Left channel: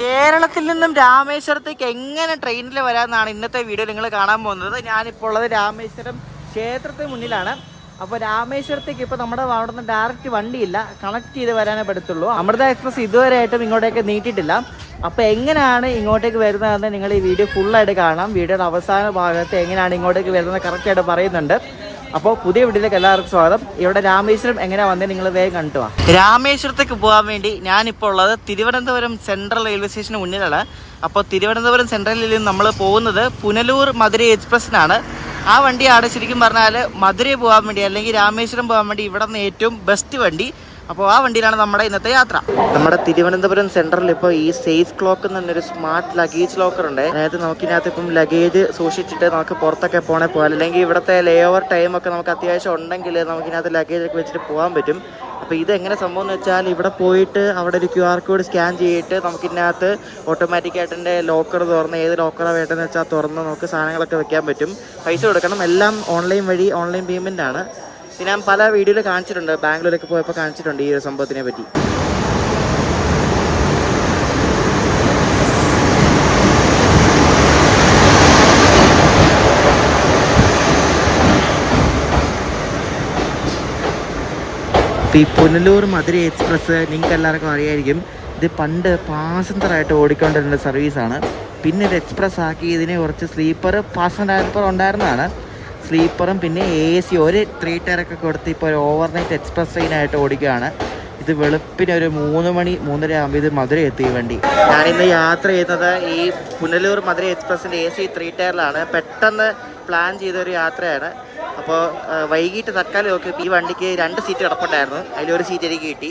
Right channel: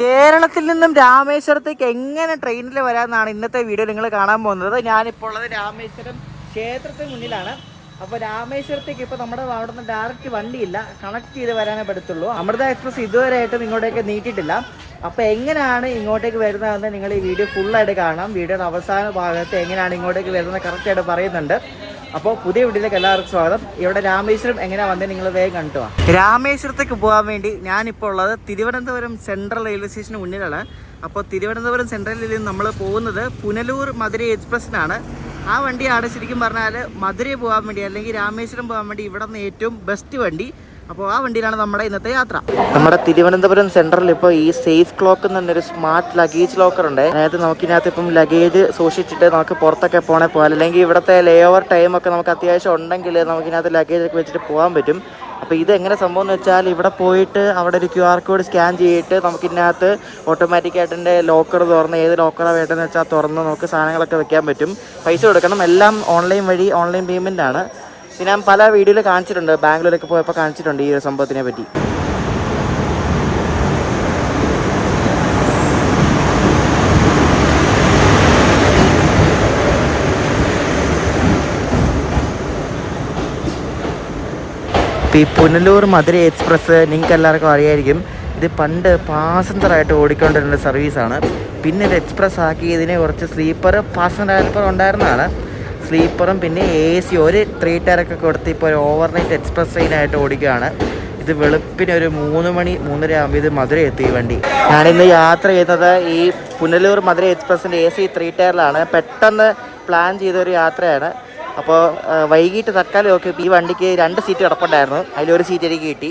കേരളത്തിൽ നിന്നും രാമേശ്വരത്തേക്ക് എങ്ങനെ ട്രെയിനിൽ വരാമെന്നാണ് ഇന്നത്തെ വീഡിയോ നിങ്ങൾ കാണാൻ പോകുന്നത്. ഞാനിപ്പോൾ ഉള്ളത് രാമേശ്വരം ക്ഷേത്രത്തിന് മുന്നിലാണ്. അപ്പോൾ രാമേശ്വരത്തേക്ക് ഇപ്പോൾ നമ്മുടെ അവിടെ നിന്ന് ഡയറക്റ്റ് വണ്ടിയില്ല, കണക്ട് ചെയ്ത് വരാനേ പറ്റത്തുള്ളൂ. അമൃത എക്സ്പ്രസ് ഇതുവരെയായിട്ടും ഇങ്ങോട്ടേക്ക് നീട്ടിയിട്ടില്ല. അപ്പോൾ എങ്ങനെയാണ് ഇങ്ങോട്ടേക്ക് വരുന്നതെന്ന് നിങ്ങൾ ഈ വീഡിയോ ഫുള്ളായിട്ട് കാണാം. വീഡിയോയുടെ അവസാന ഭാഗത്ത് എങ്ങനെയാണ് ഇങ്ങോട്ടേക്ക് വരുന്നത് കറക്റ്റായിട്ട് പറയുന്നുണ്ട്. അപ്പോൾ പുതിയ വീട്ടിലേക്ക് എല്ലാവർക്കും സ്വാഗതം. ഇവിടെ രാമേശ്വരം എങ്ങനെയാ വന്നത് നിങ്ങൾ വേഗം കണ്ടു. രാമേശ്വരത്തേക്ക് പോകാൻ വേണ്ടി ഞാനിപ്പോൾ ഉള്ളത് തിരുവനന്തപുരം സെൻട്രൽ റെയിൽവേ സ്റ്റേഷന് മുന്നിലാണ്. അപ്പോൾ തിരുവനന്തപുരം സെൻട്രലിൽ നിന്ന് നമ്മൾ പോകുന്നത് പുനലൂർ മധുരൈ എക്സ്പ്രസ്സിനാണ്. ആ വണ്ടിയാണ് ശരിക്കും പറഞ്ഞാൽ മധുരൈ പോകാൻ വേണ്ടി അല്ലെങ്കിൽ രാമേശ്വരം പോകാൻ വേണ്ടി ഇവിടെ നിന്ന് ഏറ്റവും ബെസ്റ്റ് വണ്ടി. അപ്പോൾ ആ വണ്ടിയിലാണ് നമ്മുടെ ഇന്നത്തെ യാത്ര. നമ്മുടെ തിരുവനന്തപുരം സെൻട്രലിൽ ഇപ്പോൾ ഈ സേഫ് ക്ലോക്ക് എന്നൊരു സ്മാർട്ട് ലഗേജ് ലോക്കർ ഉണ്ട്. അതായത് നമുക്കിനകത്ത് ഇപ്പം ലഗേജ് സൂക്ഷിച്ചിട്ട് നമുക്ക് പുറത്തൊക്കെ പോകാൻ പോകാം. അല്ലെങ്കിൽ ഇവിടുത്തെ ലേ ഓവർ ടൈമൊക്കെ നമുക്ക് അത്യാവശ്യം ഉണ്ടെങ്കിൽ നമുക്കിനകത്ത് ലഗേജൊക്കെ വെച്ചിട്ട് പോകാൻ പറ്റും. അപ്പോൾ ഇതെങ്ങനെ സംഭവം എന്ന് വെച്ചാൽ ഇവിടെ പോയിട്ട് അവിടെ ഒരു QR കോഡ് സ്കാൻ ചെയ്തിട്ട് നമുക്കിതിനകത്ത് ഓട്ടോമാറ്റിക്കായിട്ട് ലോക്കർ തുറന്ന് ഏത് ലോക്കറാണ് വേണ്ടതെന്ന് വെച്ചാൽ തുറന്ന് നമുക്ക് സാധനങ്ങളൊക്കെ വെക്കാൻ പറ്റും. പൈസ കൊടുക്കണം. എല്ലാം ഓൺലൈൻ വഴി ഓൺലൈൻ പേയ്മെൻ്റ് ആണ്. ഇത് ഞാൻ പല വീഡിയോയിൽ കാണിച്ചിട്ടുണ്ട്, ബാംഗ്ലൂരൊക്കെ പോയപ്പോൾ കാണിച്ചിട്ടുണ്ട് ഈ ഒരു സംഭവത്തിനെ പറ്റി. ഈ പുനലൂർ മധുരൈ എക്സ്പ്രസ് നിങ്ങൾക്ക് എല്ലാവർക്കും അറിയായിരിക്കും. ഇത് പണ്ട് പാസഞ്ചറായിട്ട് ഓടിക്കൊണ്ടിരുന്ന സർവീസാണ്. പിന്നെ ഇത് എക്സ്പ്രസ് ആക്കി ഇതിന് കുറച്ച് സ്ലീപ്പർ പാസഞ്ചർ ഉണ്ടായിരുന്നതാണ്. സ്ലീപ്പറും പിന്നെ AC ഒരു 3 ടയറൊക്കെ കൊടുത്ത് ഇപ്പോൾ ഒരു ഓവർനൈറ്റ് എക്സ്പ്രസ് ട്രെയിനായിട്ട് ഓടിക്കുകയാണ്. ഇത് വെളുപ്പിന് ഒരു 3 മണി 3:30 ആകുമ്പോൾ ഇത് മധുരൈ എത്തി ഈ വണ്ടി. ഞാനിന്ന് യാത്ര ചെയ്യുന്നത് ഈ പുനലൂർ മധുരൈ എക്സ്പ്രസിൻ്റെ AC 3 ടയറിലാണ്. പെട്ടെന്ന് പ്ലാൻ ചെയ്തൊരു യാത്രയാണ്. അപ്പോൾ വൈകിട്ട് തൽക്കാലം ഒക്കെ ഈ വണ്ടിക്ക് 2 സീറ്റ് കിടപ്പുണ്ടായിരുന്നു. അതിലൊരു സീറ്റ് എനിക്ക് കിട്ടി.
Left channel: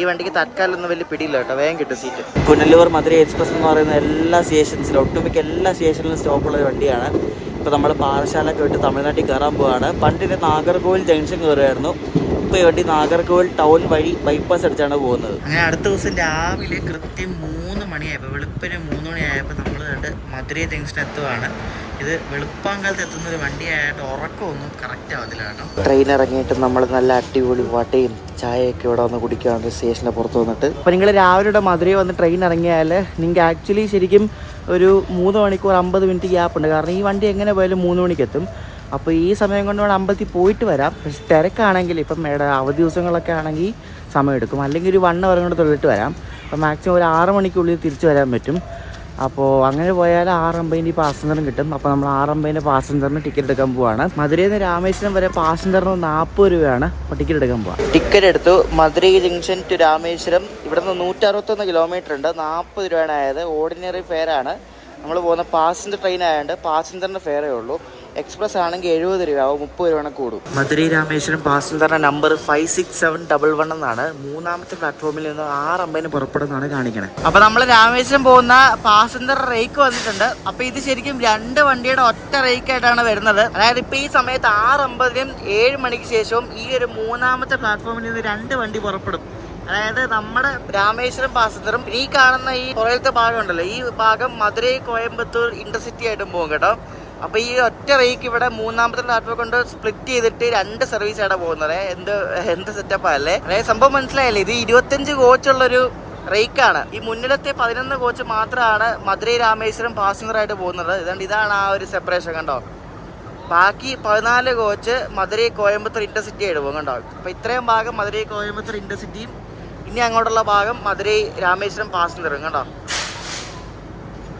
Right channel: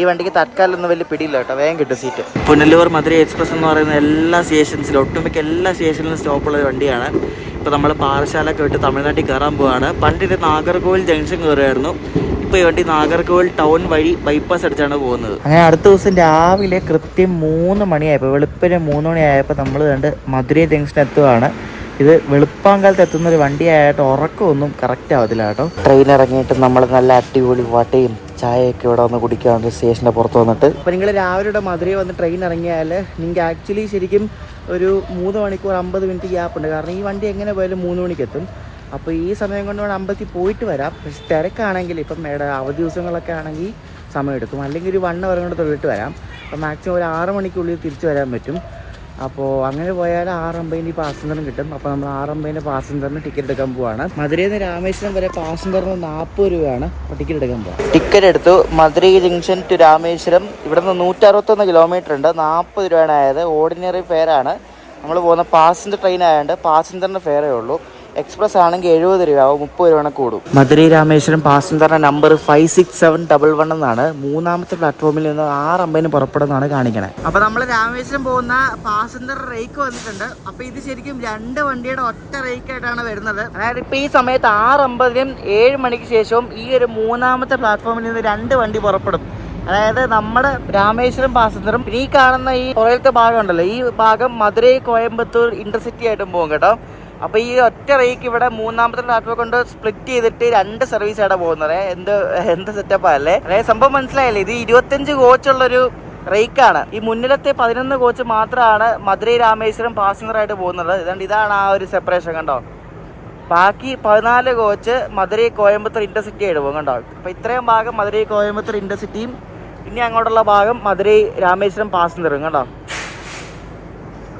ഈ വണ്ടിക്ക് തൽക്കാലം ഒന്നും വലിയ പിടിയില്ല കേട്ടോ, വേഗം കിട്ടും സീറ്റ്. പുനലൂർ മധുരൈ എക്സ്പ്രസ് എന്ന് പറയുന്ന എല്ലാ സ്റ്റേഷൻസിലും ഒട്ടുമിക്ക എല്ലാ സ്റ്റേഷനിലും സ്റ്റോപ്പുള്ള വണ്ടിയാണ്. ഇപ്പോൾ നമ്മൾ പാറശാലൊക്കെ വിട്ട് തമിഴ്നാട്ടിൽ കയറാൻ പോവുകയാണ്. പണ്ട് ഇത് നാഗർകോവിൽ ജംഗ്ഷൻ കയറുമായിരുന്നു. ഇപ്പോൾ ഈ വണ്ടി നാഗർകോവിൽ ടൗൺ വഴി ബൈപ്പാസ് അടിച്ചാണ് പോകുന്നത്. അങ്ങനെ അടുത്ത ദിവസം രാവിലെ കൃത്യം 3 മണിയായപ്പോൾ വെളുപ്പിന് 3 മണിയായപ്പോൾ നമ്മൾ കണ്ട് മധുരൈ ജംഗ്ഷൻ എത്തുകയാണ്. ഇത് വെളുപ്പാങ്കാലത്ത് എത്തുന്നൊരു വണ്ടിയായിട്ട് ഉറക്കമൊന്നും കറക്റ്റ് ആവത്തില്ല കേട്ടോ. ട്രെയിൻ ഇറങ്ങിയിട്ട് നമ്മൾ നല്ല അടിപൊളി വടയും ചായയൊക്കെ ഇവിടെ വന്ന് കുടിക്കാറുണ്ട് സ്റ്റേഷൻ്റെ പുറത്ത് വന്നിട്ട്. അപ്പോൾ നിങ്ങൾ രാവിലെ മധുരൈ വന്ന് ട്രെയിൻ ഇറങ്ങിയാൽ നിങ്ങൾക്ക് ആക്ച്വലി ശരിക്കും ഒരു 3 മണിക്കൂർ 50 മിനിറ്റ് ഗ്യാപ്പ് ഉണ്ട്. കാരണം ഈ വണ്ടി എങ്ങനെ പോയാലും 3 മണിക്ക് എത്തും. അപ്പോൾ ഈ സമയം കൊണ്ട് വേണം അമ്പലത്തിൽ പോയിട്ട് വരാം. പക്ഷെ തിരക്കാണെങ്കിൽ ഇപ്പം അവധി ദിവസങ്ങളൊക്കെ ആണെങ്കിൽ സമയം എടുക്കും. അല്ലെങ്കിൽ ഒരു 1 അവർ കൊണ്ട് തൊഴിലിട്ട് വരാം. അപ്പോൾ മാക്സിമം ഒരു 6 മണിക്കുള്ളിൽ തിരിച്ചു വരാൻ പറ്റും. അപ്പോൾ അങ്ങനെ പോയാൽ 6:50 പാസഞ്ചറും കിട്ടും. അപ്പോൾ നമ്മൾ 6:50 പാസഞ്ചറിന് ടിക്കറ്റ് എടുക്കാൻ പോവാണ്. മധുരയിൽ നിന്ന് രാമേശ്വരം വരെ പാസഞ്ചറിന് 40 രൂപയാണ് അപ്പോൾ ടിക്കറ്റ് എടുക്കാൻ പോവാം. ടിക്കറ്റ് എടുത്തു. മധുരൈ ജംഗ്ഷൻ ടു രാമേശ്വരം ഇവിടെ നിന്ന് 161 കിലോമീറ്റർ ഉണ്ട്. 40 രൂപയാണ് ആയത്. ഓർഡിനറി ഫെയർ ആണ്. നമ്മൾ പോകുന്ന പാസഞ്ചർ ട്രെയിൻ ആയതുകൊണ്ട് പാസഞ്ചറിൻ്റെ ഫെയറേ ഉള്ളൂ. എക്സ്പ്രസ് ആണെങ്കിൽ 70 രൂപയാവും, 30 രൂപ കൂടും. മധുരൈ രാമേശ്വരം പാസഞ്ചറിന്റെ നമ്പർ 56711 എന്നാണ്. 3ാമത്തെ പ്ലാറ്റ്ഫോമിൽ നിന്ന് 6:50 പുറപ്പെടുന്നതാണ് കാണിക്കണേ. അപ്പൊ നമ്മൾ രാമേശ്വരം പോകുന്ന പാസഞ്ചർ റേക്ക് വന്നിട്ടുണ്ട്. അപ്പൊ ഇത് ശരിക്കും 2 വണ്ടിയുടെ ഒറ്റ റേക്ക് ആയിട്ടാണ് വരുന്നത്. അതായത് ഇപ്പൊ ഈ സമയത്ത് 6:50 7 മണിക്ക് ശേഷവും ഈ ഒരു 3ാമത്തെ പ്ലാറ്റ്ഫോമിൽ നിന്ന് 2 വണ്ടി പുറപ്പെടും. അതായത് നമ്മുടെ രാമേശ്വരം പാസഞ്ചറും ഈ കാണുന്ന ഈ പുറയിലത്തെ ഭാഗം ഉണ്ടല്ലോ, ഈ ഭാഗം മധുരൈ കോയമ്പത്തൂർ ഇന്റർസിറ്റി ആയിട്ടും പോകും കേട്ടോ. അപ്പോൾ ഈ ഒറ്റ റേക്ക് ഇവിടെ 3ാമത്തെ പ്ലാറ്റ്ഫോം കൊണ്ട് സ്പ്ലിറ്റ് ചെയ്തിട്ട് 2 സർവീസാണ് പോകുന്നത്. എന്ത് സെറ്റപ്പാ അല്ലേ? അതായത് സംഭവം മനസ്സിലായല്ലേ? ഇത് 25 കോച്ചുള്ളൊരു റേക്കാണ്. ഈ മുന്നിലത്തെ 11 കോച്ച് മാത്രമാണ് മധുരൈ രാമേശ്വരം പാസഞ്ചറായിട്ട് പോകുന്നത്. ഇതാണ് ആ ഒരു സെപ്പറേഷൻ കണ്ടോ. ബാക്കി 14 കോച്ച് മധുരൈ കോയമ്പത്തൂർ ഇന്റർസിറ്റി ആയിട്ട് പോകും കണ്ടോ. അപ്പോൾ ഇത്രയും ഭാഗം മധുരൈ കോയമ്പത്തൂർ ഇന്റർസിറ്റിയും ഇനി അങ്ങോട്ടുള്ള ഭാഗം മധുരൈ രാമേശ്വരം പാസഞ്ചറും കണ്ടോ.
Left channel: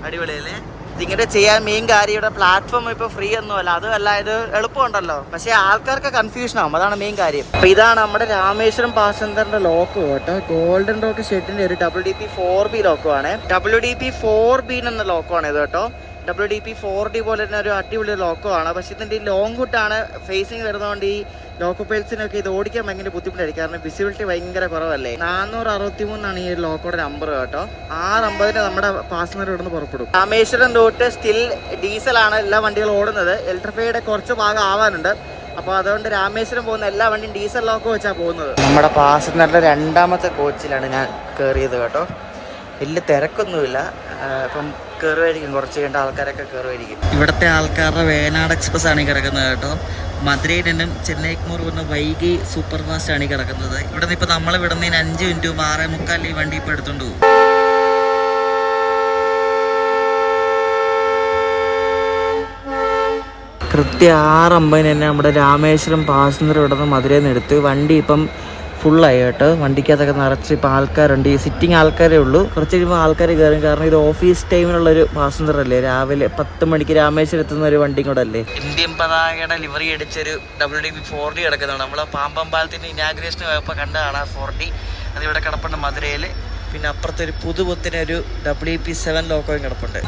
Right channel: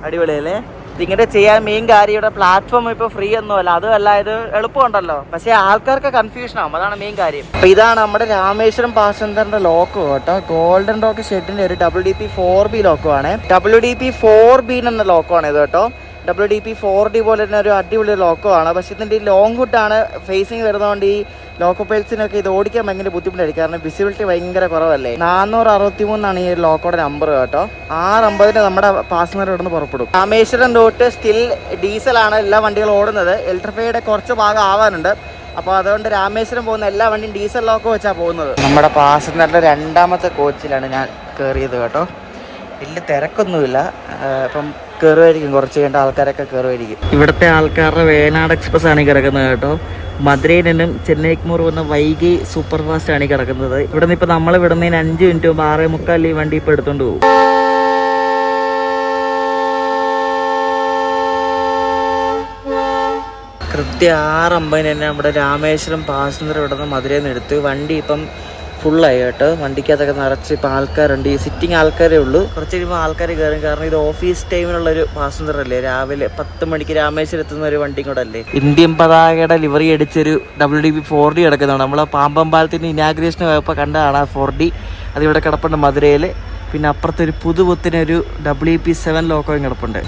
അടിപൊളിയല്ലേ? ഇതിങ്ങനെ ചെയ്യാൻ മെയിൻ കാര്യം ഇവിടെ പ്ലാറ്റ്ഫോം ഇപ്പോൾ ഫ്രീ ഒന്നുമല്ല, അതുമല്ല ഇത് എളുപ്പമുണ്ടല്ലോ. പക്ഷേ ആൾക്കാർക്ക് കൺഫ്യൂഷൻ ആവും, അതാണ് മെയിൻ കാര്യം. അപ്പോൾ ഇതാണ് നമ്മുടെ രാമേശ്വരം പാസഞ്ചറിന്റെ ലോക്ക് കേട്ടോ. ഗോൾഡൻ റോക്ക് ഷെഡിന്റെ ഒരു WDP 4B ലോക്കുമാണ്. WDP 4B എന്ന ലോക്കമാണ് ഇത് കേട്ടോ. WDP 4D പോലെ തന്നെ ഒരു അടിപൊളി ലോക്കമാണ്. പക്ഷേ ഇതിൻ്റെ ഈ ലോങ് ഹുഡാണ് ഫേസിങ് വരുന്നതുകൊണ്ട് ഈ ലോക്കോ പൈൽസിനൊക്കെ ഇത് ഓടിക്കാൻ ഭയങ്കര ബുദ്ധിമുട്ടായിരിക്കും. കാരണം വിസിബിലിറ്റി ഭയങ്കര കുറവല്ലേ. 463 ഈ ലോക്കോടെ നമ്പർ കേട്ടോ. 6:50 നമ്മുടെ പാസഞ്ചർ ഇവിടെ നിന്ന് പുറപ്പെടും. രാമേശ്വരം റൂട്ട് സ്റ്റിൽ ഡീസലാണ് എല്ലാ വണ്ടികളും ഓടുന്നത്. ഇലക്ട്രിഫൈഡ് കുറച്ച് ഭാഗം ആവാനുണ്ട്. അപ്പോൾ അതുകൊണ്ട് രാമേശ്വരം പോകുന്ന എല്ലാ വണ്ടിയും ഡീസൽ ലോക്കോ വെച്ചാണ് പോകുന്നത്. നമ്മുടെ പാസഞ്ചറിന്റെ 2ാമത്തെ കോച്ചിലാണ് ഞാൻ കയറിയത് കേട്ടോ. വലിയ തിരക്കൊന്നുമില്ല. അപ്പം കയറുമായിരിക്കും, കുറച്ച് കഴിഞ്ഞ ആൾക്കാരൊക്കെ കയറുമായിരിക്കും. ഇവിടുത്തെ ആൾക്കാരുടെ വേനാട് എക്സ്പ്രസ് ആണ് കിടക്കുന്നത് കേട്ടോ. മധുരയിൽ നിന്നും ചെന്നൈക്ക് പോകുന്ന വൈകി സൂപ്പർ ഫാസ്റ്റ് ആണ് കിടക്കുന്നത്. ഇവിടെ നിന്ന് ഇപ്പോൾ നമ്മൾ വിടുന്നതിന് 5 മിനിറ്റ് മുമ്പ് 6:45 ഈ വണ്ടി ഇപ്പോൾ എടുത്തുകൊണ്ട് പോകും. കൃത്യം 6:50 തന്നെ നമ്മുടെ രാമേശ്വരം പാസഞ്ചർ ഇവിടെ നിന്ന് മധുരയിൽ നിന്ന് എടുത്ത് വണ്ടി ഇപ്പം ഫുള്ളായി കേട്ടോ. വണ്ടിക്കകത്തൊക്കെ നിറച്ച് ഇപ്പം ആൾക്കാരുണ്ട്. ഈ സിറ്റിംഗ് ആൾക്കാരേ ഉള്ളൂ. കുറച്ച് കഴിയുമ്പോൾ ആൾക്കാർ കയറും. കാരണം ഇത് ഓഫീസ് ടൈമിലുള്ളൊരു പാസഞ്ചർ അല്ലേ. രാവിലെ 10 മണിക്ക് രാമേശ്വരം എത്തുന്ന ഒരു വണ്ടി കൂടെ അല്ലേ. ഇന്ത്യൻ പതാകയുടെ ലിവറി അടിച്ചൊരു WDB 4D കിടക്കുന്നതാണ്. നമ്മളെ പാമ്പം പാലത്തിൻ്റെ ഇനാഗ്രേഷന് പോയപ്പോൾ കണ്ടതാണ് ആ 4D. അതിവിടെ കിടപ്പുണ്ട് മധുരയിൽ. പിന്നെ അപ്പുറത്തൊരു പുതുപുത്തിനൊരു WP7 ലോക്കോയും കിടപ്പുണ്ട്.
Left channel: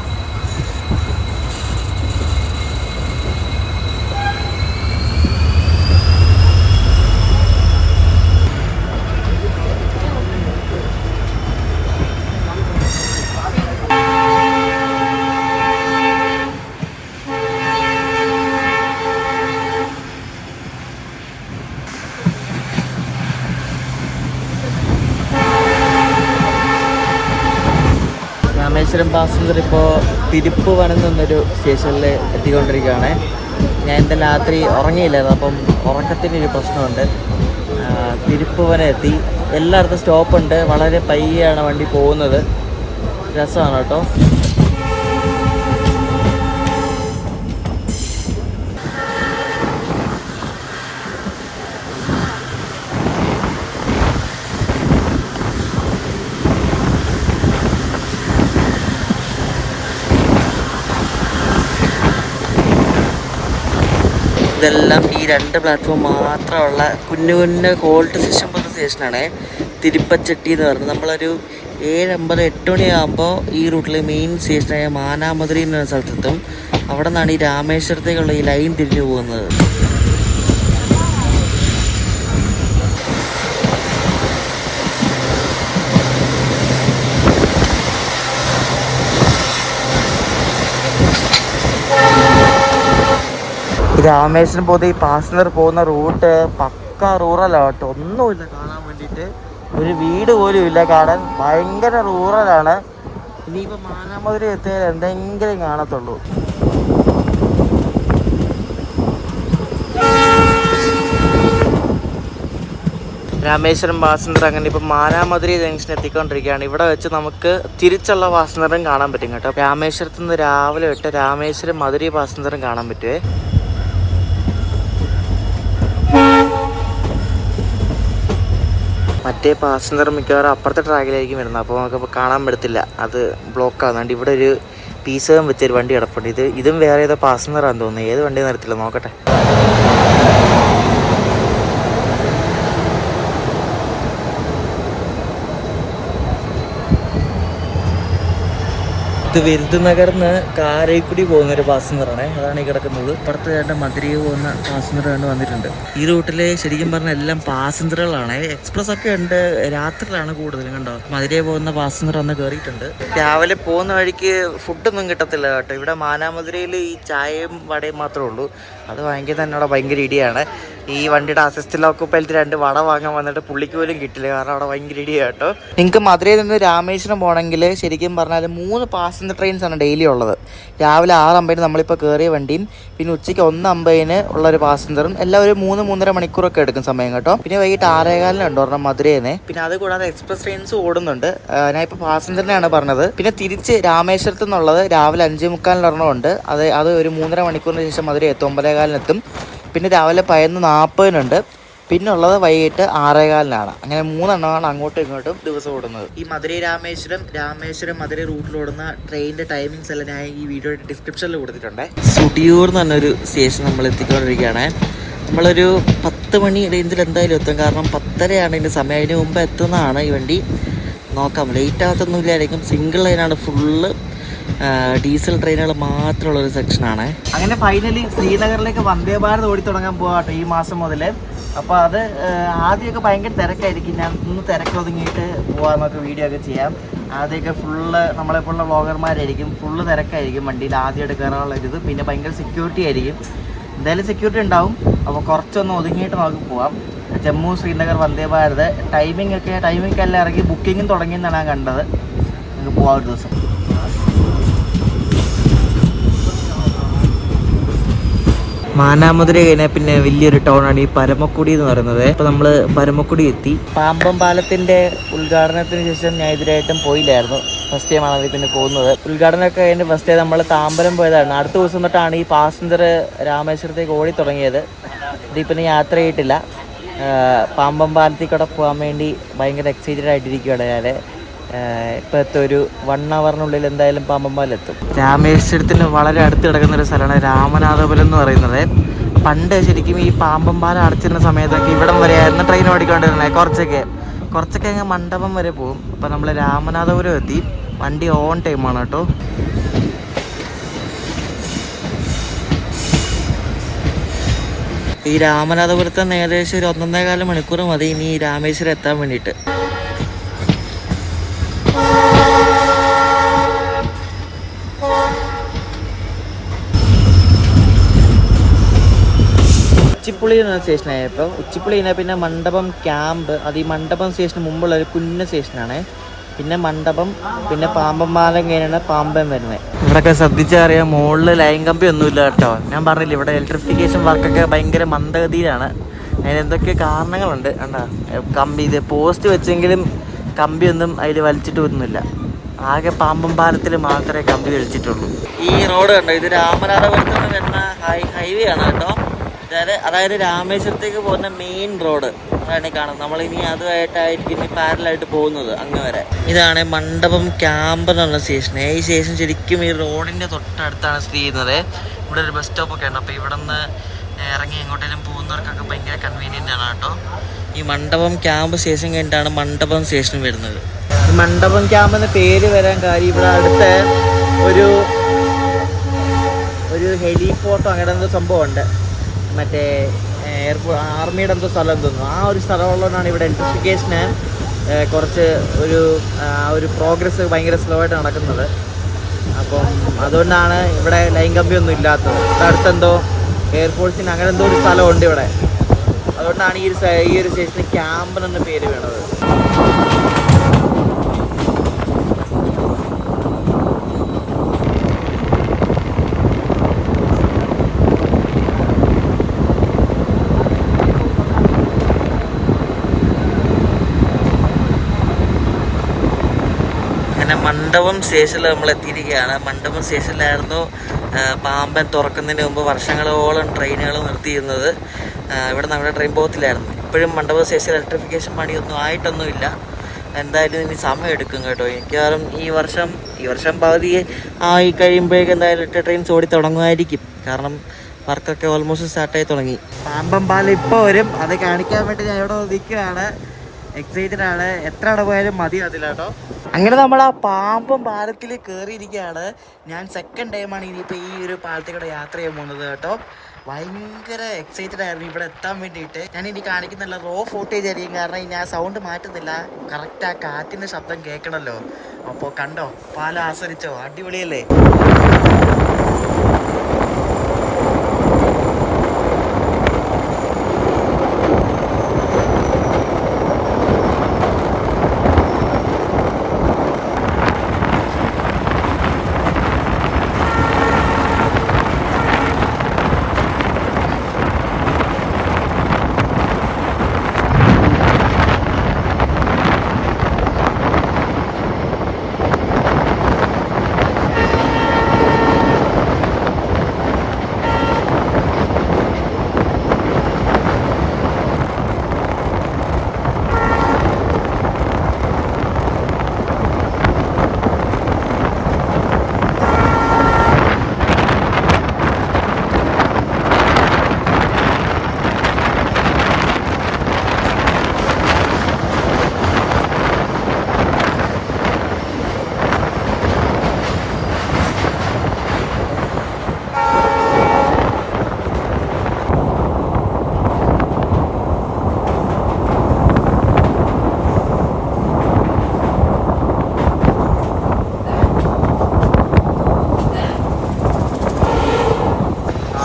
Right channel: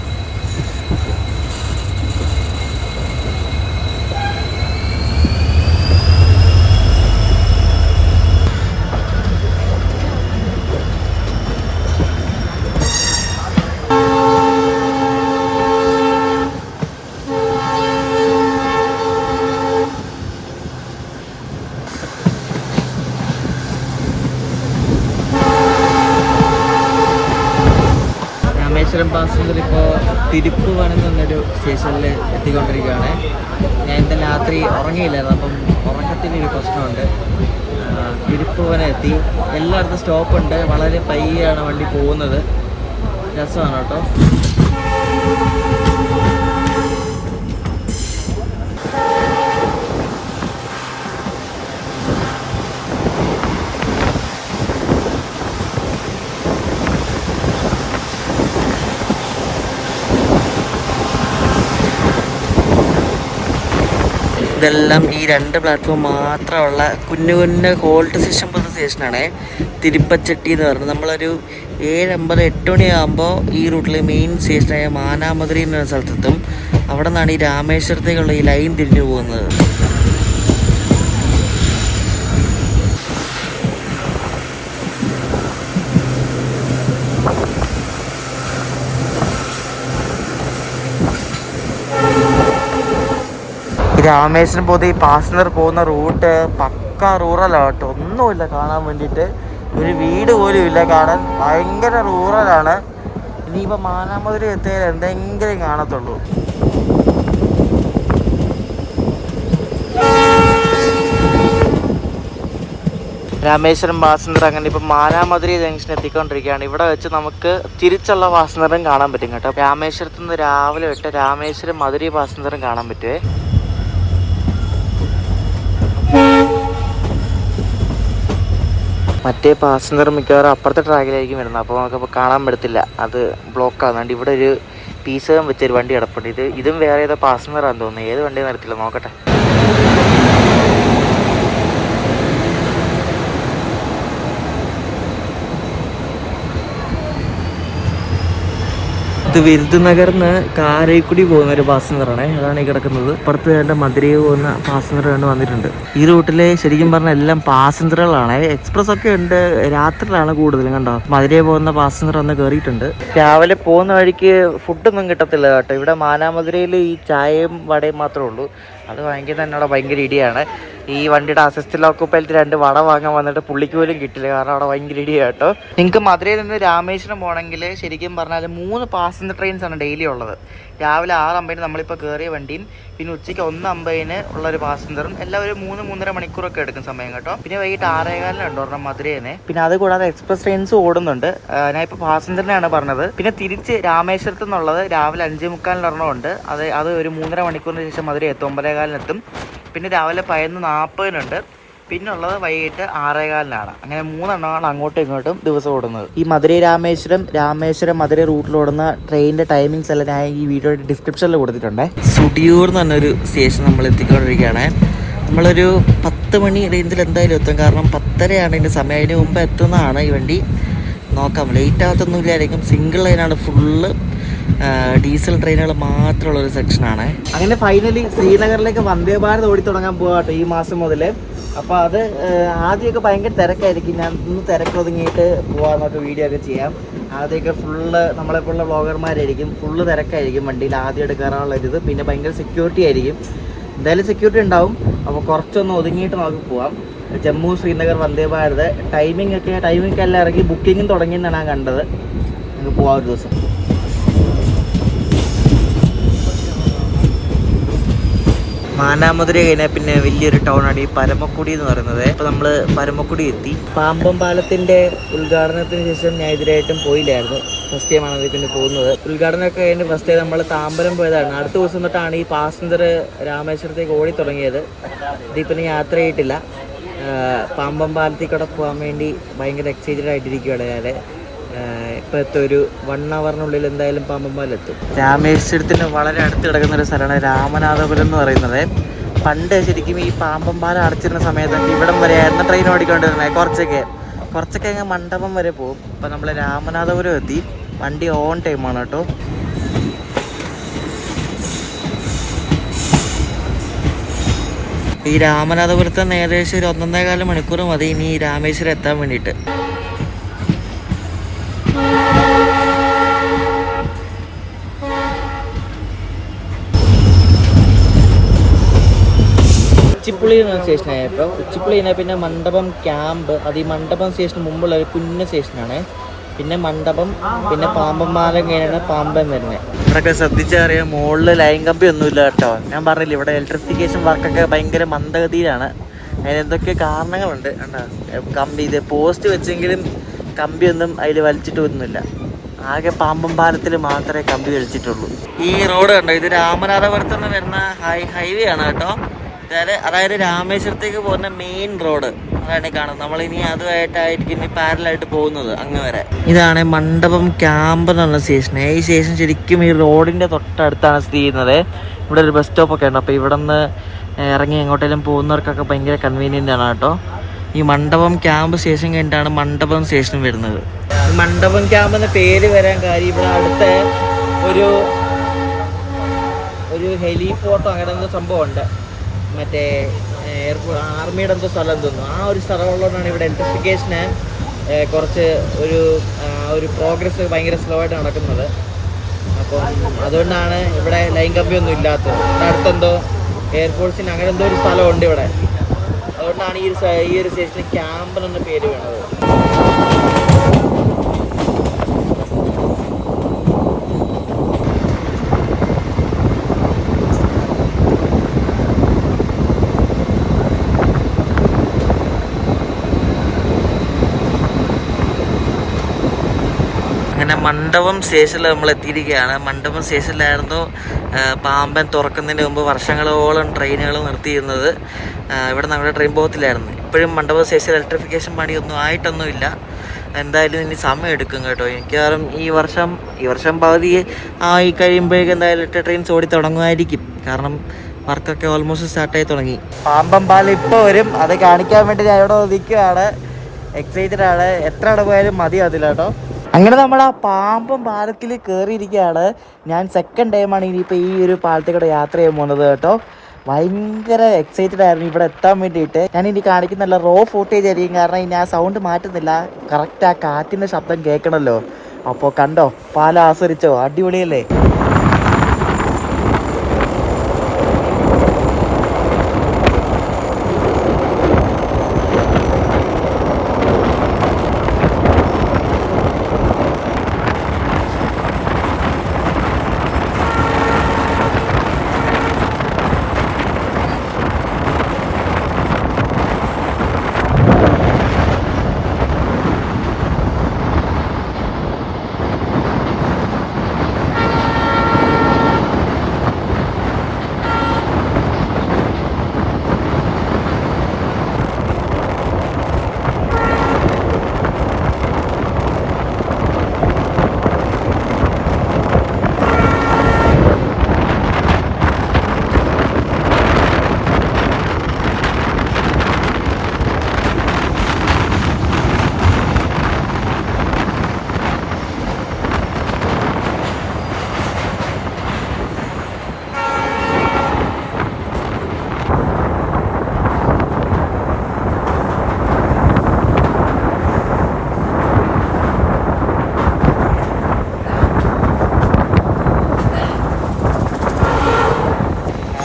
രാമേശ്വരം പാസഞ്ചർ ഇപ്പോൾ തിരുപ്പുവനം എന്നൊരു സ്റ്റേഷനിൽ എത്തിക്കൊണ്ടിരിക്കുകയാണ്. ഞാൻ ഇന്നലെ രാത്രി ഉറങ്ങിയില്ലായിരുന്നു, അപ്പം ഉറക്കത്തിനൊരു പ്രശ്നമുണ്ട്. തിരുപ്പുവനം എത്തി. എല്ലായിടത്തും സ്റ്റോപ്പുണ്ട്. വളരെ പയ്യാണ് വണ്ടി പോകുന്നത്. രസമാണ് കേട്ടോ. മാത്രമുള്ള കുഞ്ഞു കുഞ്ഞു ഗോൾഡ് സ്റ്റേഷൻ പറഞ്ഞ സ്റ്റേഷനാണ് തിരുപ്പച്ചട്ടി എന്ന് പറഞ്ഞത്. നമ്മളൊരു 7:50 8 മണിയാകുമ്പോൾ ഈ റൂട്ടിൽ മെയിൻ സ്റ്റേഷനായ മാനാമധുര എന്ന സ്ഥലത്തെത്തും. അവിടെ നിന്നാണ് ഈ രാമേശ്വരത്തേക്കുള്ള ഈ ലൈൻ തിരിഞ്ഞു പോകുന്നത്. രാമേശ്വരം പോകുന്ന ഈ പാസഞ്ചർ പോകുന്ന റൂട്ട് പക്ക റൂറലാണ്. ഒന്നുമില്ല കാണാൻ വേണ്ടിയിട്ട്. ഒരു വീട് പോലും ഇല്ല കാണാൻ. ഭയങ്കര റൂറലാണ്. ഇനിയിപ്പോൾ മാനാമധുര എത്തിയാൽ എന്തെങ്കിലും കാണത്തുള്ളൂ. രാമേശ്വരം പാസഞ്ചർ അങ്ങനെ ഇപ്പോൾ മാനാമധുര ജംഗ്ഷൻ എത്തിക്കൊണ്ടിരിക്കുകയാണ്. ഇവിടെ വെച്ച് നമുക്ക് തിരിച്ചുള്ള പാസഞ്ചറും കാണാൻ പറ്റും കേട്ടോ. രാമേശ്വരത്ത് നിന്ന് രാവിലെ വിട്ട് രാമേശ്വരം മധുര പാസഞ്ചറും കാണാൻ പറ്റുമേ. മറ്റേ പാസഞ്ചർ മിക്കവാറും അപ്പുറത്തെ ട്രാക്കിലായിരിക്കും വരുന്നത്. അപ്പോൾ നമുക്കപ്പോൾ കാണാൻ പറ്റത്തില്ല, അത് ബ്ലോക്ക് ആകുന്നുണ്ട്. ഇവിടെ ഒരു പീസും വെച്ചൊരു വണ്ടി കിടപ്പുണ്ട്. ഇതും വേറെ ഏതോ പാസഞ്ചറാണെന്ന് തോന്നുന്നു. ഏത് വണ്ടി നിർത്തില്ല, നോക്കട്ടെ. വിരുദ്ധനഗറിന്ന് കാരക്കുടി പോകുന്ന ഒരു പാസഞ്ചറാണ്. ഇതാണ് ഈ കിടക്കുന്നത്. അപ്പുറത്ത് വേണ്ട മധുരയിൽ പോകുന്ന പാസഞ്ചർ തന്നെ വന്നിട്ടുണ്ട്. ഈ റൂട്ടിൽ ശരിക്കും പറഞ്ഞാൽ എല്ലാം പാസഞ്ചറുകളാണ്. എക്സ്പ്രസ് ഒക്കെ ഉണ്ട്. രാത്രിയിലാണ് കൂടുതലും കണ്ടോ. മധുരയിൽ പോകുന്ന പാസഞ്ചർ ഒന്ന് കയറിയിട്ടുണ്ട്. രാവിലെ പോകുന്ന വഴിക്ക് ഫുഡൊന്നും കിട്ടത്തില്ല കേട്ടോ. ഇവിടെ മാനാമധുരയിൽ ഈ ചായയും വടയും മാത്രമേ ഉള്ളൂ. അത് വാങ്ങിക്കാൻ തന്നെ അവിടെ ഭയങ്കര ഇടിയാണ്. ഈ വണ്ടിയുടെ അസിസ്റ്റന്റ് ഓക്കുപ്പൈലറ്റ് 2 വട വാങ്ങാൻ വന്നിട്ട് പുള്ളിക്ക് പോലും കിട്ടില്ല. കാരണം അവിടെ ഭയങ്കര ഇടിയാണ് കേട്ടോ. നിങ്ങൾക്ക് മധുരയിൽ നിന്ന് രാമേശ്വരം പോകണമെങ്കിൽ ശരിക്കും പറഞ്ഞാൽ 3 പാസഞ്ചർ ട്രെയിൻസാണ് ഡെയിലി ഉള്ളത്. രാവിലെ 6:50 നമ്മളിപ്പോൾ കയറിയ വണ്ടിയും പിന്നെ ഉച്ചയ്ക്ക് 1:50 ഉള്ളൊരു പാസഞ്ചറും എല്ലാം ഒരു 3-3.5 മണിക്കൂറൊക്കെ എടുക്കും സമയം കേട്ടോ. പിന്നെ വൈകിട്ട് 6:15 ഒരെണ്ണം മധുരയിൽ നിന്ന്. പിന്നെ അത് കൂടാതെ എക്സ്പ്രസ് ട്രെയിൻസ് ഓടുന്നുണ്ട്. ഞാൻ ഇപ്പോൾ പാസഞ്ചറിനെയാണ് പറഞ്ഞത്. പിന്നെ തിരിച്ച് രാമേശ്വരത്ത് നിന്നുള്ളത് രാവിലെ 5:45 ഉണ്ട്. അത് ഒരു 3.5 മണിക്കൂറിന് ശേഷം മധുര എത്തും. 9:15 പിന്നെ രാവിലെ 11:40 പിന്നെ ഉള്ളത് വൈകിട്ട് 6:15. അങ്ങനെ 3 എണ്ണമാണ് അങ്ങോട്ടും ഇങ്ങോട്ടും ദിവസം ഓടുന്നത്. ഈ മധുര രാമേശ്വരം മധുര റൂട്ടിൽ ഓടുന്ന ട്രെയിനിന്റെ ടൈമിങ്സ് എല്ലാം ഞാൻ ഈ വീഡിയോയുടെ ഡിസ്ക്രിപ്ഷനിൽ കൊടുത്തിട്ടുണ്ട്. സുടിയൂർ എന്ന് പറഞ്ഞൊരു സ്റ്റേഷൻ നമ്മൾ എത്തിക്കൊണ്ടിരിക്കുകയാണ്. നമ്മളൊരു 10 മണി റേഞ്ചിൽ എന്തായാലും എത്തും. കാരണം 10:30 ആണെങ്കിൽ സമയത്തിന് മുമ്പ് എത്തുന്നതാണ് ഈ വണ്ടി. നോക്കാം, ലേറ്റ് ആകത്തൊന്നുമില്ലായിരിക്കും. സിംഗിൾ ലൈനാണ്, ഫുള്ള് ഡീസൽ ട്രെയിനുകൾ മാത്രമുള്ള ഒരു സെക്ഷനാണ്. അങ്ങനെ ഫൈനലി ശ്രീനഗറിലേക്ക് വന്ദേ ഭാരത് ഓടി തുടങ്ങാൻ പോകാട്ടോ ഈ മാസം മുതൽ. അപ്പോൾ അത് ആദ്യമൊക്കെ ഭയങ്കര തിരക്കായിരിക്കും. ഞാൻ ഇന്ന് തിരക്ക് ഒതുങ്ങിയിട്ട് പോകാമെന്നൊക്കെ വീഡിയോ ഒക്കെ ചെയ്യാം. ആദ്യമൊക്കെ ഫുള്ള് നമ്മളെപ്പോലുള്ള വ്ളോഗർമാരായിരിക്കും. ഫുള്ള് തിരക്കായിരിക്കും വണ്ടിയിൽ ആദ്യം എടുക്കാനുള്ള ഒരു ഇത്. പിന്നെ ഭയങ്കര സെക്യൂരിറ്റി ആയിരിക്കും. എന്തായാലും സെക്യൂരിറ്റി ഉണ്ടാവും. അപ്പോൾ കുറച്ചൊന്ന് ഒതുങ്ങിയിട്ട് നമുക്ക് പോകാം. ജമ്മു ശ്രീനഗർ വന്ദേ ഭാരത് ടൈമിംഗ് എല്ലാം ഇറങ്ങി ബുക്കിങ്ങും തുടങ്ങിയെന്നാണ് ഞാൻ കണ്ടത്. നമുക്ക് പോകാം ഒരു ദിവസം. മാനാമധുര കഴിഞ്ഞാൽ പിന്നെ വലിയൊരു ടൗണാണ് ഈ പരമക്കുടി എന്ന് പറയുന്നത്. ഇപ്പം നമ്മൾ പരമക്കുടി എത്തി. പാമ്പം പാലത്തിൻ്റെ ഉദ്ഘാടനത്തിന് ശേഷം ഞാൻ ഇതിലായിട്ടും പോയില്ലായിരുന്നു. ഫസ്റ്റ് ടൈമാണ് അതിൽ പിന്നെ പോകുന്നത്. ഉദ്ഘാടനമൊക്കെ കഴിഞ്ഞ് ഫസ്റ്റ് ടൈം നമ്മൾ താമ്പരം പോയതാണ്. അടുത്ത ദിവസം തൊട്ടാണ് ഈ പാസഞ്ചർ രാമേശ്വരത്തേക്ക് ഓടി തുടങ്ങിയത്. ഇതിൽ പിന്നെ യാത്ര ചെയ്തിട്ടില്ല. പാമ്പം പാലത്തിൽ കൂടെ പോകാൻ വേണ്ടി ഭയങ്കര എക്സൈറ്റഡ് ആയിട്ടിരിക്കുകയാണ് ഞാൻ. ഇപ്പോഴത്തെ ഒരു 1 hourനുള്ളിൽ എന്തായാലും പാമ്പം പാലം എത്തും. രാമേശ്വരത്തിന് വളരെ അടുത്ത് കിടക്കുന്ന ഒരു സ്ഥലമാണ് രാമനാഥപുരം എന്ന് പറയുന്നത്. പണ്ട് ശരിക്കും ഈ പാമ്പം പാലം അടച്ചിരുന്ന സമയത്ത് ഇവിടം വരെയായിരുന്നു ട്രെയിൻ ഓടിക്കൊണ്ടിരുന്നത്. കുറച്ചൊക്കെ അങ്ങ് മണ്ഡപം വരെ പോകും. ഇപ്പം നമ്മൾ രാമനാഥപുരം എത്തി. വണ്ടി ഓൺ ടൈമാണ് കേട്ടോ. ഈ രാമനാഥപുരത്ത് നിന്ന് ഏകദേശം ഒരു 1.25 മണിക്കൂർ മതി ഇനി രാമേശ്വരം എത്താൻ വേണ്ടിയിട്ട്. ഉച്ചിപ്പുള്ളി എന്ന സ്റ്റേഷനായപ്പോൾ ഉച്ചിപ്പുള്ളി കഴിഞ്ഞാൽ പിന്നെ മണ്ഡപം ക്യാമ്പ്. അത് ഈ മണ്ഡപം സ്റ്റേഷന് മുമ്പുള്ള ഒരു കുഞ്ഞ സ്റ്റേഷനാണ്. പിന്നെ മണ്ഡപം, പിന്നെ പാമ്പം പാലം കഴിഞ്ഞാണ് പാമ്പം വരുന്നത്. ഇവിടെയൊക്കെ ശ്രദ്ധിച്ചറിയാം, മുകളിൽ ലൈൻ കമ്പി ഒന്നുമില്ല കേട്ടോ. ഞാൻ പറഞ്ഞില്ല, ഇവിടെ ഇലക്ട്രിഫിക്കേഷൻ വർക്കൊക്കെ ഭയങ്കര മന്ദഗതിയാണ്. അതിന് എന്തൊക്കെ കാരണങ്ങളുണ്ട്. കമ്പി ഇത് പോസ്റ്റ് വെച്ചെങ്കിലും കമ്പിയൊന്നും അതിൽ വലിച്ചിട്ടൊന്നുമില്ല. ആകെ പാമ്പം പാലത്തിൽ മാത്രമേ കമ്പി വലിച്ചിട്ടുള്ളൂ. ഈ റോഡ് കണ്ടോ, ഇത് രാമനാഥപുരത്ത് നിന്ന് വരുന്ന ഹൈവേ ആണ് കേട്ടോ. അതായത് രാമേശ്വരത്തേക്ക് പോകുന്ന മെയിൻ റോഡ് വേണ്ടി കാണും. നമ്മളിനി അതുമായിട്ടായിരിക്കും ഇനി പാരലായിട്ട് പോകുന്നത് അങ്ങ്. ഇതാണ് മണ്ഡപം ക്യാമ്പ് എന്ന് പറഞ്ഞ സ്റ്റേഷൻ. ഈ സ്റ്റേഷൻ ശരിക്കും ഈ റോഡിൻ്റെ തൊട്ടടുത്താണ് സ്ഥിതി ചെയ്യുന്നത്. ഇവിടെ ഒരു ബസ് സ്റ്റോപ്പൊക്കെ ഉണ്ട്. അപ്പോൾ ഇവിടെ നിന്ന് ഇറങ്ങി എങ്ങോട്ടെങ്കിലും പോകുന്നവർക്കൊക്കെ ഭയങ്കര കൺവീനിയൻ്റ് ആണ് കേട്ടോ. ഈ മണ്ഡപം ക്യാമ്പ് സ്റ്റേഷൻ കഴിഞ്ഞിട്ടാണ് മണ്ഡപം സ്റ്റേഷൻ വരുന്നത്. ഈ മണ്ഡപം ക്യാമ്പ് എന്ന പേര് വരാൻ കാര്യം ഇവിടെ അടുത്ത ഒരു ഹെലിപോർട്ടോ അങ്ങനെ എന്തോ സംഭവമുണ്ട്. മറ്റേ ആർമിയുടെ എന്തോ സ്ഥലം തോന്നുന്നു. ആ ഒരു സ്ഥലമുള്ളതുകൊണ്ടാണ് ഇവിടെ ഇലക്ട്രിഫിക്കേഷന് കുറച്ച് ഒരു പ്രോഗ്രസ് ഭയങ്കര സ്ലോ ആയിട്ട് നടക്കുന്നത്. അപ്പം അതുകൊണ്ടാണ് ഇവിടെ ലൈൻ കമ്പിയൊന്നും ഇല്ലാത്തത്. അടുത്തെന്തോ എയർഫോഴ്സിന് അങ്ങനെ എന്തോ ഒരു സ്ഥലമുണ്ട് ഇവിടെ. അതുകൊണ്ടാണ് ഈ ഒരു സ്റ്റേഷന് ക്യാമ്പ് എന്ന പേര് വേണത്. സ്റ്റേഷനിൽ നമ്മൾ എത്തിയിരിക്കുകയാണ്. മണ്ഡപം സ്റ്റേഷനിലായിരുന്നു പാമ്പൻ തുറക്കുന്നതിന് മുമ്പ് വർഷങ്ങളോളം ട്രെയിനുകൾ നിർത്തിയിരുന്നത്. ഇവിടെ നമ്മുടെ ട്രെയിൻ പോകത്തില്ലായിരുന്നു. ഇപ്പോഴും മണ്ഡപം സ്റ്റേഷനിൽ ഇലക്ട്രിഫിക്കേഷൻ പണിയൊന്നും ആയിട്ടൊന്നുമില്ല. എന്തായാലും ഇനി സമയം എടുക്കും കേട്ടോ. മിക്കവാറും ഈ വർഷം പകുതി ആയി കഴിയുമ്പോഴേക്കും എന്തായാലും ട്രെയിൻസ് ഓടി തുടങ്ങുമായിരിക്കും. കാരണം വർക്കൊക്കെ ഓൾമോസ്റ്റ് സ്റ്റാർട്ടായി തുടങ്ങി. പാമ്പം പാലം ഇപ്പോൾ വരും. അത് കാണിക്കാൻ വേണ്ടി ഞാൻ ഇവിടെ നിൽക്കുകയാണ്. എക്സൈറ്റഡ് ആണ്. എത്ര അവിടെ പോയാലും മതിയാതില്ല കേട്ടോ. അങ്ങനെ നമ്മൾ ആ പാമ്പം പാലത്തിൽ കയറിയിരിക്കുകയാണ്. ഞാൻ സെക്കൻഡ് ടൈമാണ് ഇനിയിപ്പോൾ ഈ ഒരു പാലത്തിൽ കൂടെ യാത്ര ചെയ്യാൻ പോകുന്നത് കേട്ടോ. ഭയങ്കര എക്സൈറ്റഡ് ആയിരുന്നു ഇവിടെ എത്താൻ വേണ്ടിയിട്ട്. ഞാൻ ഇനി കാണിക്കുന്നില്ല, റോ ഫൂട്ടേജ് ആയിരിക്കും. കാരണം ഇനി ആ സൗണ്ട് മാറ്റുന്നില്ല. കറക്റ്റ് ആ കാറ്റിൻ്റെ ശബ്ദം കേൾക്കണമല്ലോ. അപ്പോൾ കണ്ടോ, പാലം ആസ്വദിച്ചോ? അടിപൊളിയല്ലേ?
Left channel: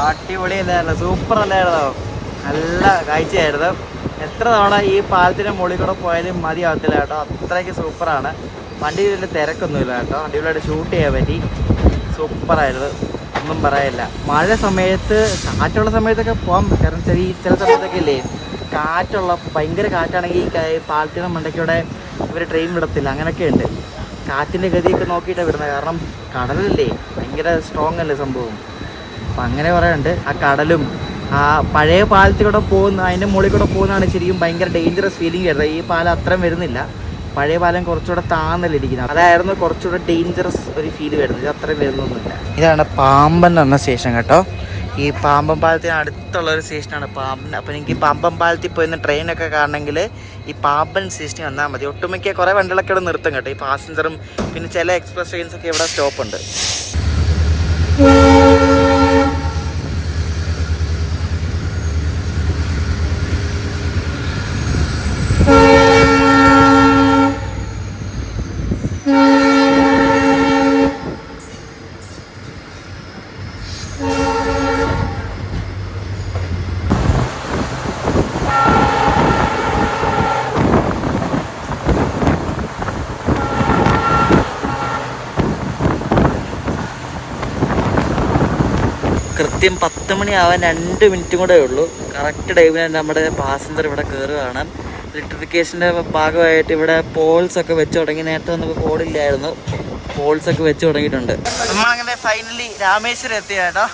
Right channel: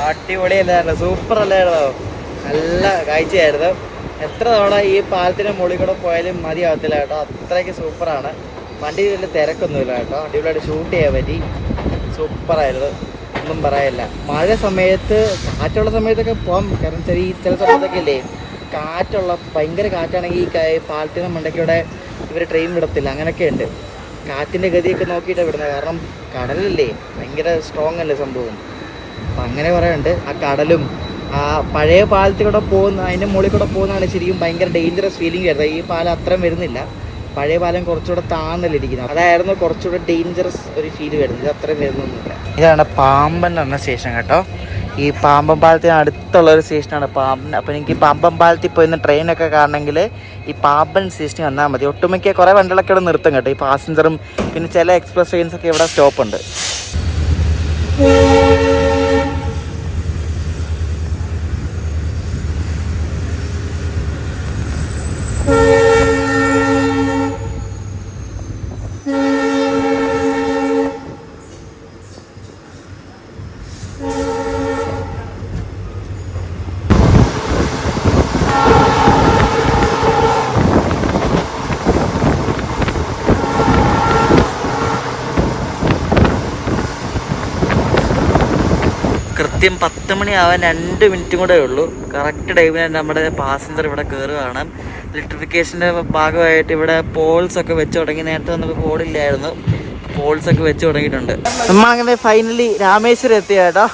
അടിപൊളിയല്ലായിരുന്നു, സൂപ്പർ അല്ലായിരുന്നോ? നല്ല കാഴ്ചയായിരുന്നു. എത്ര തവണ ഈ പാലത്തിന് മുകളിൽ കൂടെ പോയാലും മതിയാകത്തില്ല കേട്ടോ. അത്രയ്ക്ക് സൂപ്പറാണ്. വണ്ടി വലിയ തിരക്കൊന്നുമില്ല കേട്ടോ. അടിപൊളിയായിട്ട് ഷൂട്ട് ചെയ്യാൻ പറ്റി. സൂപ്പറായിരുന്നു. ഒന്നും പറയില്ല. മഴ സമയത്ത് കാറ്റുള്ള സമയത്തൊക്കെ പോകാം. കാരണം ചില സമയത്തൊക്കെ ഇല്ലേ കാറ്റുള്ള ഭയങ്കര കാറ്റാണെങ്കിൽ പാലത്തിൻ്റെ മണ്ടയ്ക്കൂടെ ഇവർ ട്രെയിൻ വിടത്തില്ല. അങ്ങനെയൊക്കെ ഉണ്ട്. കാറ്റിൻ്റെ ഗതിയൊക്കെ നോക്കിയിട്ടാണ് വിടുന്നത്. കാരണം കടലില്ലേ ഭയങ്കര സ്ട്രോങ് അല്ലേ സംഭവം. അപ്പം അങ്ങനെ പറയുന്നുണ്ട്. ആ കടലും ആ പഴയ പാലത്തിൽ കൂടെ പോകുന്ന അതിൻ്റെ മുകളിൽ കൂടെ പോകുന്നതാണ് ശരിക്കും ഭയങ്കര ഡേഞ്ചറസ് ഫീലിംഗ് വരുന്നത്. ഈ പാലം അത്രയും വരുന്നില്ല. പഴയ പാലം കുറച്ചുകൂടെ താന്നല്ലേ ഇരിക്കുന്നത്. അതായിരുന്നു കുറച്ചുകൂടെ ഡേഞ്ചറസ് ഒരു ഫീൽ വരുന്നത്. ഇത് അത്രയും വരുന്നൊന്നുമില്ല. ഇതാണ് പാമ്പൻ എന്ന സ്റ്റേഷൻ കേട്ടോ. ഈ പാമ്പൻ പാലത്തിന് അടുത്തുള്ള ഒരു സ്റ്റേഷനാണ് പാമ്പൻ. അപ്പോൾ എനിക്ക് പാമ്പൻ പാലത്തിൽ പോയി ട്രെയിനൊക്കെ കാണണമെങ്കിൽ ഈ പാമ്പൻ സ്റ്റേഷനിൽ വന്നാൽ മതി. ഒട്ടുമിക്ക കുറേ വണ്ടികളൊക്കെ ഇവിടെ നിർത്തും കേട്ടോ. ഈ പാസഞ്ചറും പിന്നെ ചില എക്സ്പ്രസ് ട്രെയിൻസൊക്കെ ഇവിടെ സ്റ്റോപ്പുണ്ട്. കൃത്യം 10 മണിയാവാൻ 2 മിനിറ്റും കൂടെ ഉള്ളൂ. കറക്റ്റ് ടൈമിൽ നമ്മുടെ പാസഞ്ചർ ഇവിടെ കയറുകയാണ്. ഇലക്ട്രിഫിക്കേഷൻ്റെ ഭാഗമായിട്ട് ഇവിടെ പോൾസൊക്കെ വെച്ച് തുടങ്ങി. നേരത്തെ നമുക്ക് പോളില്ലായിരുന്നു, പോൾസൊക്കെ വെച്ച് തുടങ്ങിയിട്ടുണ്ട്. നമ്മളങ്ങനെ ഫൈനലി രാമേശ്വരം എത്തിയ കേട്ടോ.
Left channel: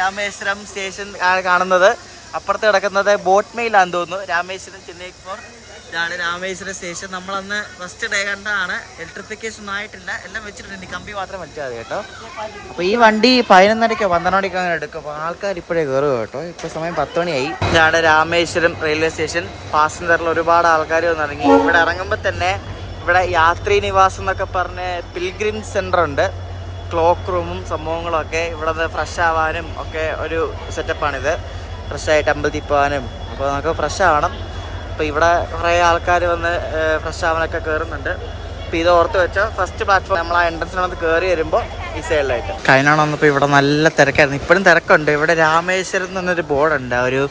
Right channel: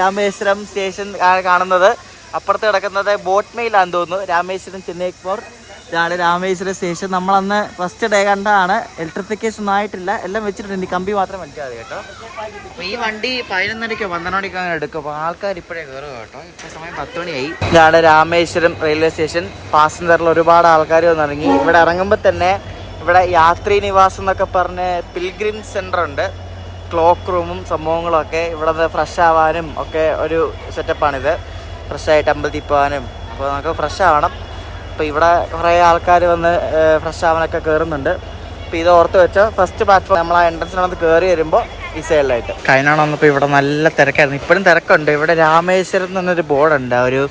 രാമേശ്വരം സ്റ്റേഷൻ കാണുന്നത് അപ്പുറത്ത് കിടക്കുന്നത് ബോട്ട് മെയിലാണെന്ന് തോന്നുന്നു. രാമേശ്വരം ചെന്നൈ എക്സ്പോർ ഇതാണ് രാമേശ്വരം സ്റ്റേഷൻ. നമ്മളന്ന് ഫസ്റ്റ് ഡേ കണ്ടാണ്. ഇലക്ട്രിഫിക്കേഷൻ ഒന്നും ആയിട്ടില്ല, എല്ലാം വെച്ചിട്ടുണ്ട്. കമ്പി മാത്രം വലിച്ചാൽ മതി കേട്ടോ. അപ്പോൾ ഈ വണ്ടി 11:30 12 അങ്ങനെ എടുക്കും. അപ്പോൾ ആൾക്കാർ ഇപ്പോഴേ കയറുക കേട്ടോ. ഇപ്പോൾ സമയം 10 മണിയായി. ഇതാണ് രാമേശ്വരം റെയിൽവേ സ്റ്റേഷൻ. പാസഞ്ചറിൽ ഒരുപാട് ആൾക്കാർ വന്നിറങ്ങി. ഇവിടെ ഇറങ്ങുമ്പോൾ തന്നെ ഇവിടെ യാത്രീ നിവാസം എന്നൊക്കെ പറഞ്ഞ് പിൽഗ്രിം സെൻ്റർ ഉണ്ട്. ക്ലോക്ക് റൂമും സംഭവങ്ങളും ഒക്കെ. ഇവിടെ നിന്ന് ഫ്രഷ് ആവാനും ഒക്കെ ഒരു സെറ്റപ്പാണിത്. ഫ്രഷായിട്ട് അമ്പലത്തിൽ പോകാനും. അപ്പോൾ നമുക്ക് ഫ്രഷ് ആവണം. അപ്പോൾ ഇവിടെ കുറേ ആൾക്കാർ വന്ന് ഫ്രഷ് ആവാനൊക്കെ കയറുന്നുണ്ട്. അപ്പോൾ ഇത് ഓർത്ത് വെച്ചോ. ഫസ്റ്റ് പ്ലാറ്റ്ഫോം നമ്മൾ ആ എൻട്രൻസിനൊന്ന് കയറി വരുമ്പോൾ ഈ സൈഡിലായിട്ട്. കഴിഞ്ഞാണ് വന്നപ്പോൾ ഇവിടെ നല്ല തിരക്കായിരുന്നു. ഇപ്പോഴും തിരക്കുണ്ട്. ഇവിടെ രാമേശ്വരം എന്നൊരു ബോർഡുണ്ട്, ഒരു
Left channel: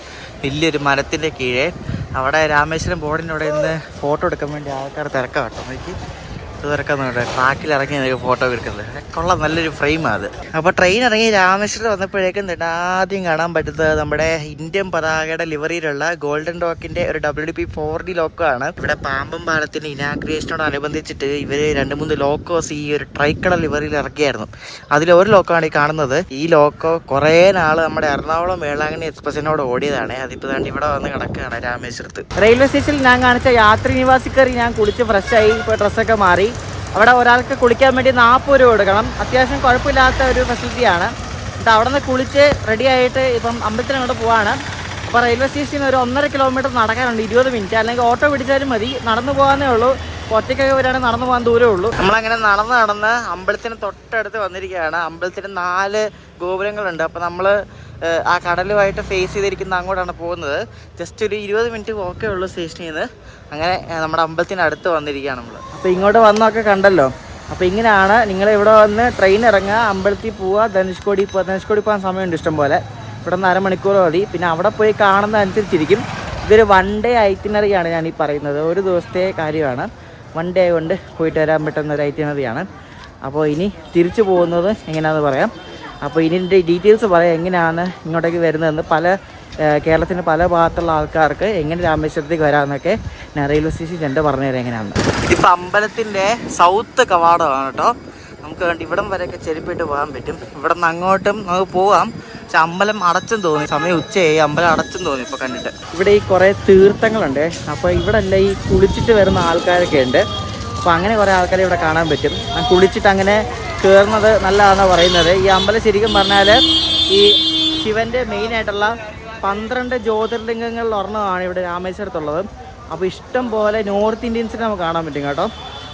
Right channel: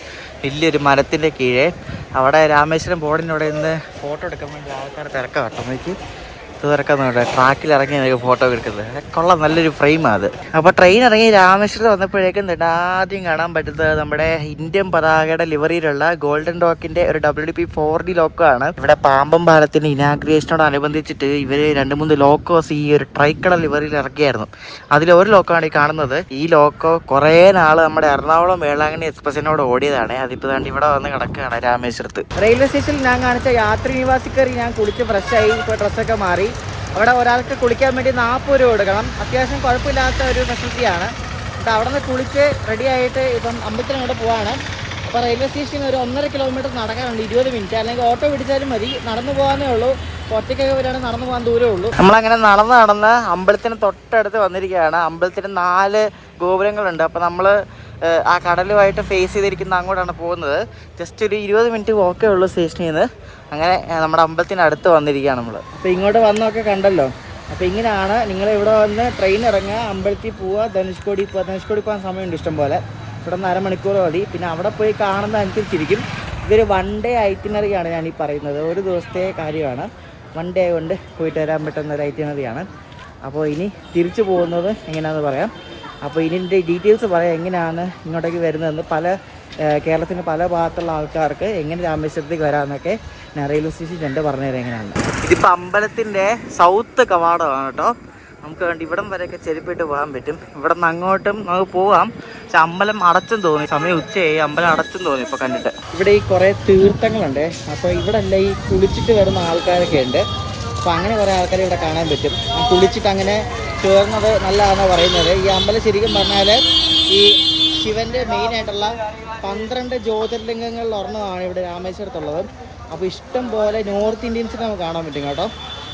വലിയൊരു മരത്തിൻ്റെ കീഴേ. അവിടെ രാമേശ്വരം ബോർഡിൻ്റെ അവിടെ നിന്ന് ഫോട്ടോ എടുക്കാൻ വേണ്ടി ആൾക്കാർ തിരക്കാം കേട്ടോ. എനിക്ക് തിരക്കുന്നുണ്ട്. ട്രാക്കിൽ ഇറങ്ങി എനിക്ക് ഫോട്ടോ എടുക്കുന്നത് കൊള്ളാം. നല്ലൊരു ഫ്രെയിമാണ് അത്. അപ്പോൾ ട്രെയിൻ ഇറങ്ങി രാമേശ്വരത്ത് വന്നപ്പോഴേക്കും ആദ്യം കാണാൻ പറ്റുന്നത് നമ്മുടെ ഇന്ത്യൻ പതാകയുടെ ലിവറിയിലുള്ള ഗോൾഡൻ ഡോക്കിൻ്റെ ഒരു WDP-4D ലോക്കമാണ്. ഇവിടെ പാമ്പൻ പാലത്തിൻ്റെ ഇനാഗ്രേഷനോടനുബന്ധിച്ചിട്ട് ഇവർ 2-3 ലോക്കോസ് ഈ ഒരു ട്രൈക്കളർ ലിവറിയിൽ ഇറക്കിയായിരുന്നു. അതിലൊരു ലോക്കമാണ് ഈ കാണുന്നത്. ഈ ലോക്കോ കുറേ നാൾ നമ്മുടെ എറണാകുളം വേളാങ്കണ്ണി എക്സ്പ്രസിനോട് ഓടിയതാണ്. അതിപ്പോൾ തന്നെ ഇവിടെ വന്ന് കിടക്കുകയാണ് രാമേശ്വരത്ത്. റെയിൽവേ സ്റ്റേഷനിൽ ഞാൻ കാണിച്ച യാത്രി നിവാസി കയറി ഞാൻ കുളിച്ച് ഫ്രഷായി. ഇപ്പോൾ ഡ്രസ്സൊക്കെ മാറി. അവിടെ ഒരാൾക്ക് കുളിക്കാൻ വേണ്ടി 40 രൂപ കൊടുക്കണം. അത്യാവശ്യം കുഴപ്പമില്ലാത്ത ഒരു ഫെസിലിറ്റിയാണ്. എന്നിട്ട് അവിടെ നിന്ന് കുളിച്ച് റെഡി ആയിട്ട് ഇപ്പം അമ്പലത്തിനോട് പോവാണ്. അപ്പോൾ റെയിൽവേ സ്റ്റേഷനിൽ ഒരു 1.5 കിലോമീറ്റർ നടക്കാനുണ്ട്. 20 മിനിറ്റ്, അല്ലെങ്കിൽ ഓട്ടോ പിടിച്ചാലും മതി. നടന്നു പോകാനേ ഉള്ളൂ. ഒറ്റയ്ക്കൊക്കെ വരികയാണെങ്കിൽ നടന്നു പോകാൻ ദൂരമേ ഉള്ളൂ. നമ്മളങ്ങനെ നടന്ന് അമ്പലത്തിന് തൊട്ടടുത്ത് വന്നിരിക്കുകയാണ്. അമ്പലത്തിന് 4 ഗോപുരങ്ങളുണ്ട്. അപ്പോൾ നമ്മൾ ആ കടലുമായിട്ട് ഫേസ് ചെയ്തിരിക്കുന്ന അങ്ങോട്ടാണ് പോകുന്നത്. ജസ്റ്റ് ഒരു 20 മിനിറ്റ് വോക്കേ ഉള്ളൂ സ്റ്റേഷനിൽ നിന്ന്. അങ്ങനെ നമ്മുടെ അമ്പലത്തിന് അടുത്ത് വന്നിരിക്കുകയാണ് നമ്മൾ. അപ്പോൾ ഇങ്ങോട്ട് വന്നൊക്കെ കണ്ടല്ലോ. അപ്പോൾ ഇങ്ങനെയാണ് നിങ്ങൾ ഇവിടെ വന്ന് ട്രെയിൻ ഇറങ്ങുക, അമ്പലത്തിൽ പോവുക, ധനുഷ്കോടി പോവുക. ധനുഷ്കോടി പോകാൻ സമയമുണ്ട് ഇഷ്ടം പോലെ. ഇവിടെ നിന്ന് 1/2 മണിക്കൂർ മതി. പിന്നെ അവിടെ പോയി കാണുന്നതനുസരിച്ചിരിക്കും. ഇതൊരു 1 ഡേ ഐറ്റിനറിയാണ് ഞാൻ ഈ പറയുന്നത്. ഒരു ദിവസത്തെ കാര്യമാണ്. 1 ഡേ കൊണ്ട് പോയിട്ട് വരാൻ പറ്റുന്ന ഒരു ഐറ്റിനറിയാണ്. അപ്പോൾ ഇനി തിരിച്ചു പോകുന്നത് എങ്ങനെയാണെന്ന് പറയാം. അപ്പോൾ ഇതിൻ്റെ ഡീറ്റെയിൽസ് പറയാം, എങ്ങനെയാണ് ഇങ്ങോട്ടേക്ക് വരുന്നതെന്ന്. കേരളത്തിൻ്റെ പല ഭാഗത്തുള്ള ആൾക്കാർക്ക് എങ്ങനെ രാമേശ്വരത്തേക്ക് വരാമെന്നൊക്കെ ഞാൻ റെയിൽവേ സ്റ്റേഷൻ ചെന്ന് പറഞ്ഞുതരാം എങ്ങനെയാണ്. ഇതിപ്പോൾ അമ്പലത്തിൻ്റെ സൗത്ത് കവാടമാണ് കേട്ടോ. നമുക്ക് വേണ്ടി ഇവിടം വരെയൊക്കെ ചെരുപ്പിട്ട് പോകാൻ പറ്റും. ഇവിടെ നിന്ന് അങ്ങോട്ടും നമുക്ക് പോകാം. പക്ഷെ അമ്പലം അടച്ചും തോന്നി. സമയം ഉച്ചയായി, അമ്പലം അടച്ചും തോന്നി ഇപ്പോൾ കണ്ടിട്ട്. ഇവിടെ ഈ കുറേ തീർത്ഥങ്ങളുണ്ട്. അപ്പോൾ ഇവിടെ അല്ല ഈ കുളിച്ചിട്ട് വരുന്ന ആൾക്കാരൊക്കെ ഉണ്ട്. അപ്പോൾ അങ്ങനെ കുറേ ആൾക്കാരെ ഇവിടെ കാണാൻ പറ്റും. കുളിച്ചിട്ട് അങ്ങനെ കയറുന്നത് നല്ലതാണെന്ന് പറയുന്നത്. ഈ അമ്പലം ശരിക്കും പറഞ്ഞാൽ ഈ ശിവൻ്റെ മെയിനായിട്ടുള്ള 12 ജ്യോതിർലിംഗങ്ങളിൽ ഒരെണ്ണമാണ് ഇവിടെ രാമേശ്വരത്തുള്ളത്. അപ്പോൾ ഇഷ്ടം പോലെ നോർത്ത് ഇന്ത്യൻസിനെ നമുക്ക് കാണാൻ പറ്റും കേട്ടോ.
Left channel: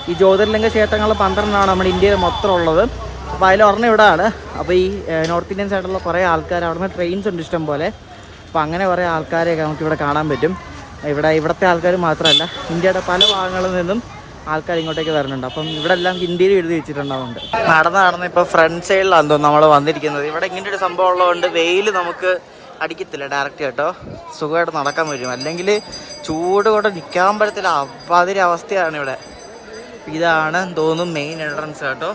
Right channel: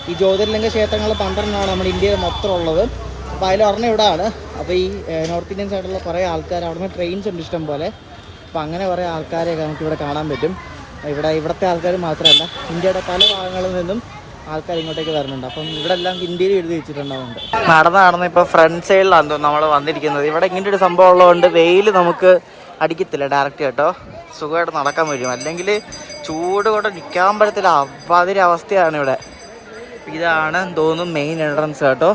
ഈ ജ്യോതിർലിംഗ ക്ഷേത്രങ്ങൾ 12 നമ്മുടെ ഇന്ത്യയിൽ മൊത്തം ഉള്ളത്. അപ്പോൾ അതിലൊരെണ്ണം ഇവിടെയാണ്. അപ്പോൾ ഈ നോർത്ത് ഇന്ത്യൻസ് ആയിട്ടുള്ള കുറേ ആൾക്കാർ, അവിടെ നിന്ന് ട്രെയിൻസ് ഉണ്ട് ഇഷ്ടം പോലെ. അപ്പോൾ അങ്ങനെ കുറേ ആൾക്കാരെയൊക്കെ നമുക്കിവിടെ കാണാൻ പറ്റും. ഇവിടുത്തെ ആൾക്കാർ മാത്രമല്ല, ഇന്ത്യയുടെ പല ഭാഗങ്ങളിൽ നിന്നും ആൾക്കാർ ഇങ്ങോട്ടേക്ക് വരുന്നുണ്ട്. അപ്പം ഇവിടെ എല്ലാം ഹിന്ദിയിൽ എഴുതി വെച്ചിട്ടുണ്ടാവുന്നുണ്ട്. നടന്ന് ഇപ്പോൾ ഫ്രണ്ട് സൈഡിലാണ് തോന്നുന്നു നമ്മൾ വന്നിരിക്കുന്നത്. ഇവിടെ ഇങ്ങനെ ഒരു സംഭവം ഉള്ളതുകൊണ്ട് വെയിൽ നമുക്ക് അടിക്കത്തില്ല ഡയറക്റ്റ് കേട്ടോ. സുഖമായിട്ട് നടക്കാൻ പറ്റും. അല്ലെങ്കിൽ ചൂട് കൊണ്ട് നിൽക്കാൻ പറ്റത്തില്ല. അപ്പാതിരി അവസ്ഥയാണ് ഇവിടെ. ഇതാണ് തോന്നുന്നു മെയിൻ എൻട്രൻസ് കേട്ടോ.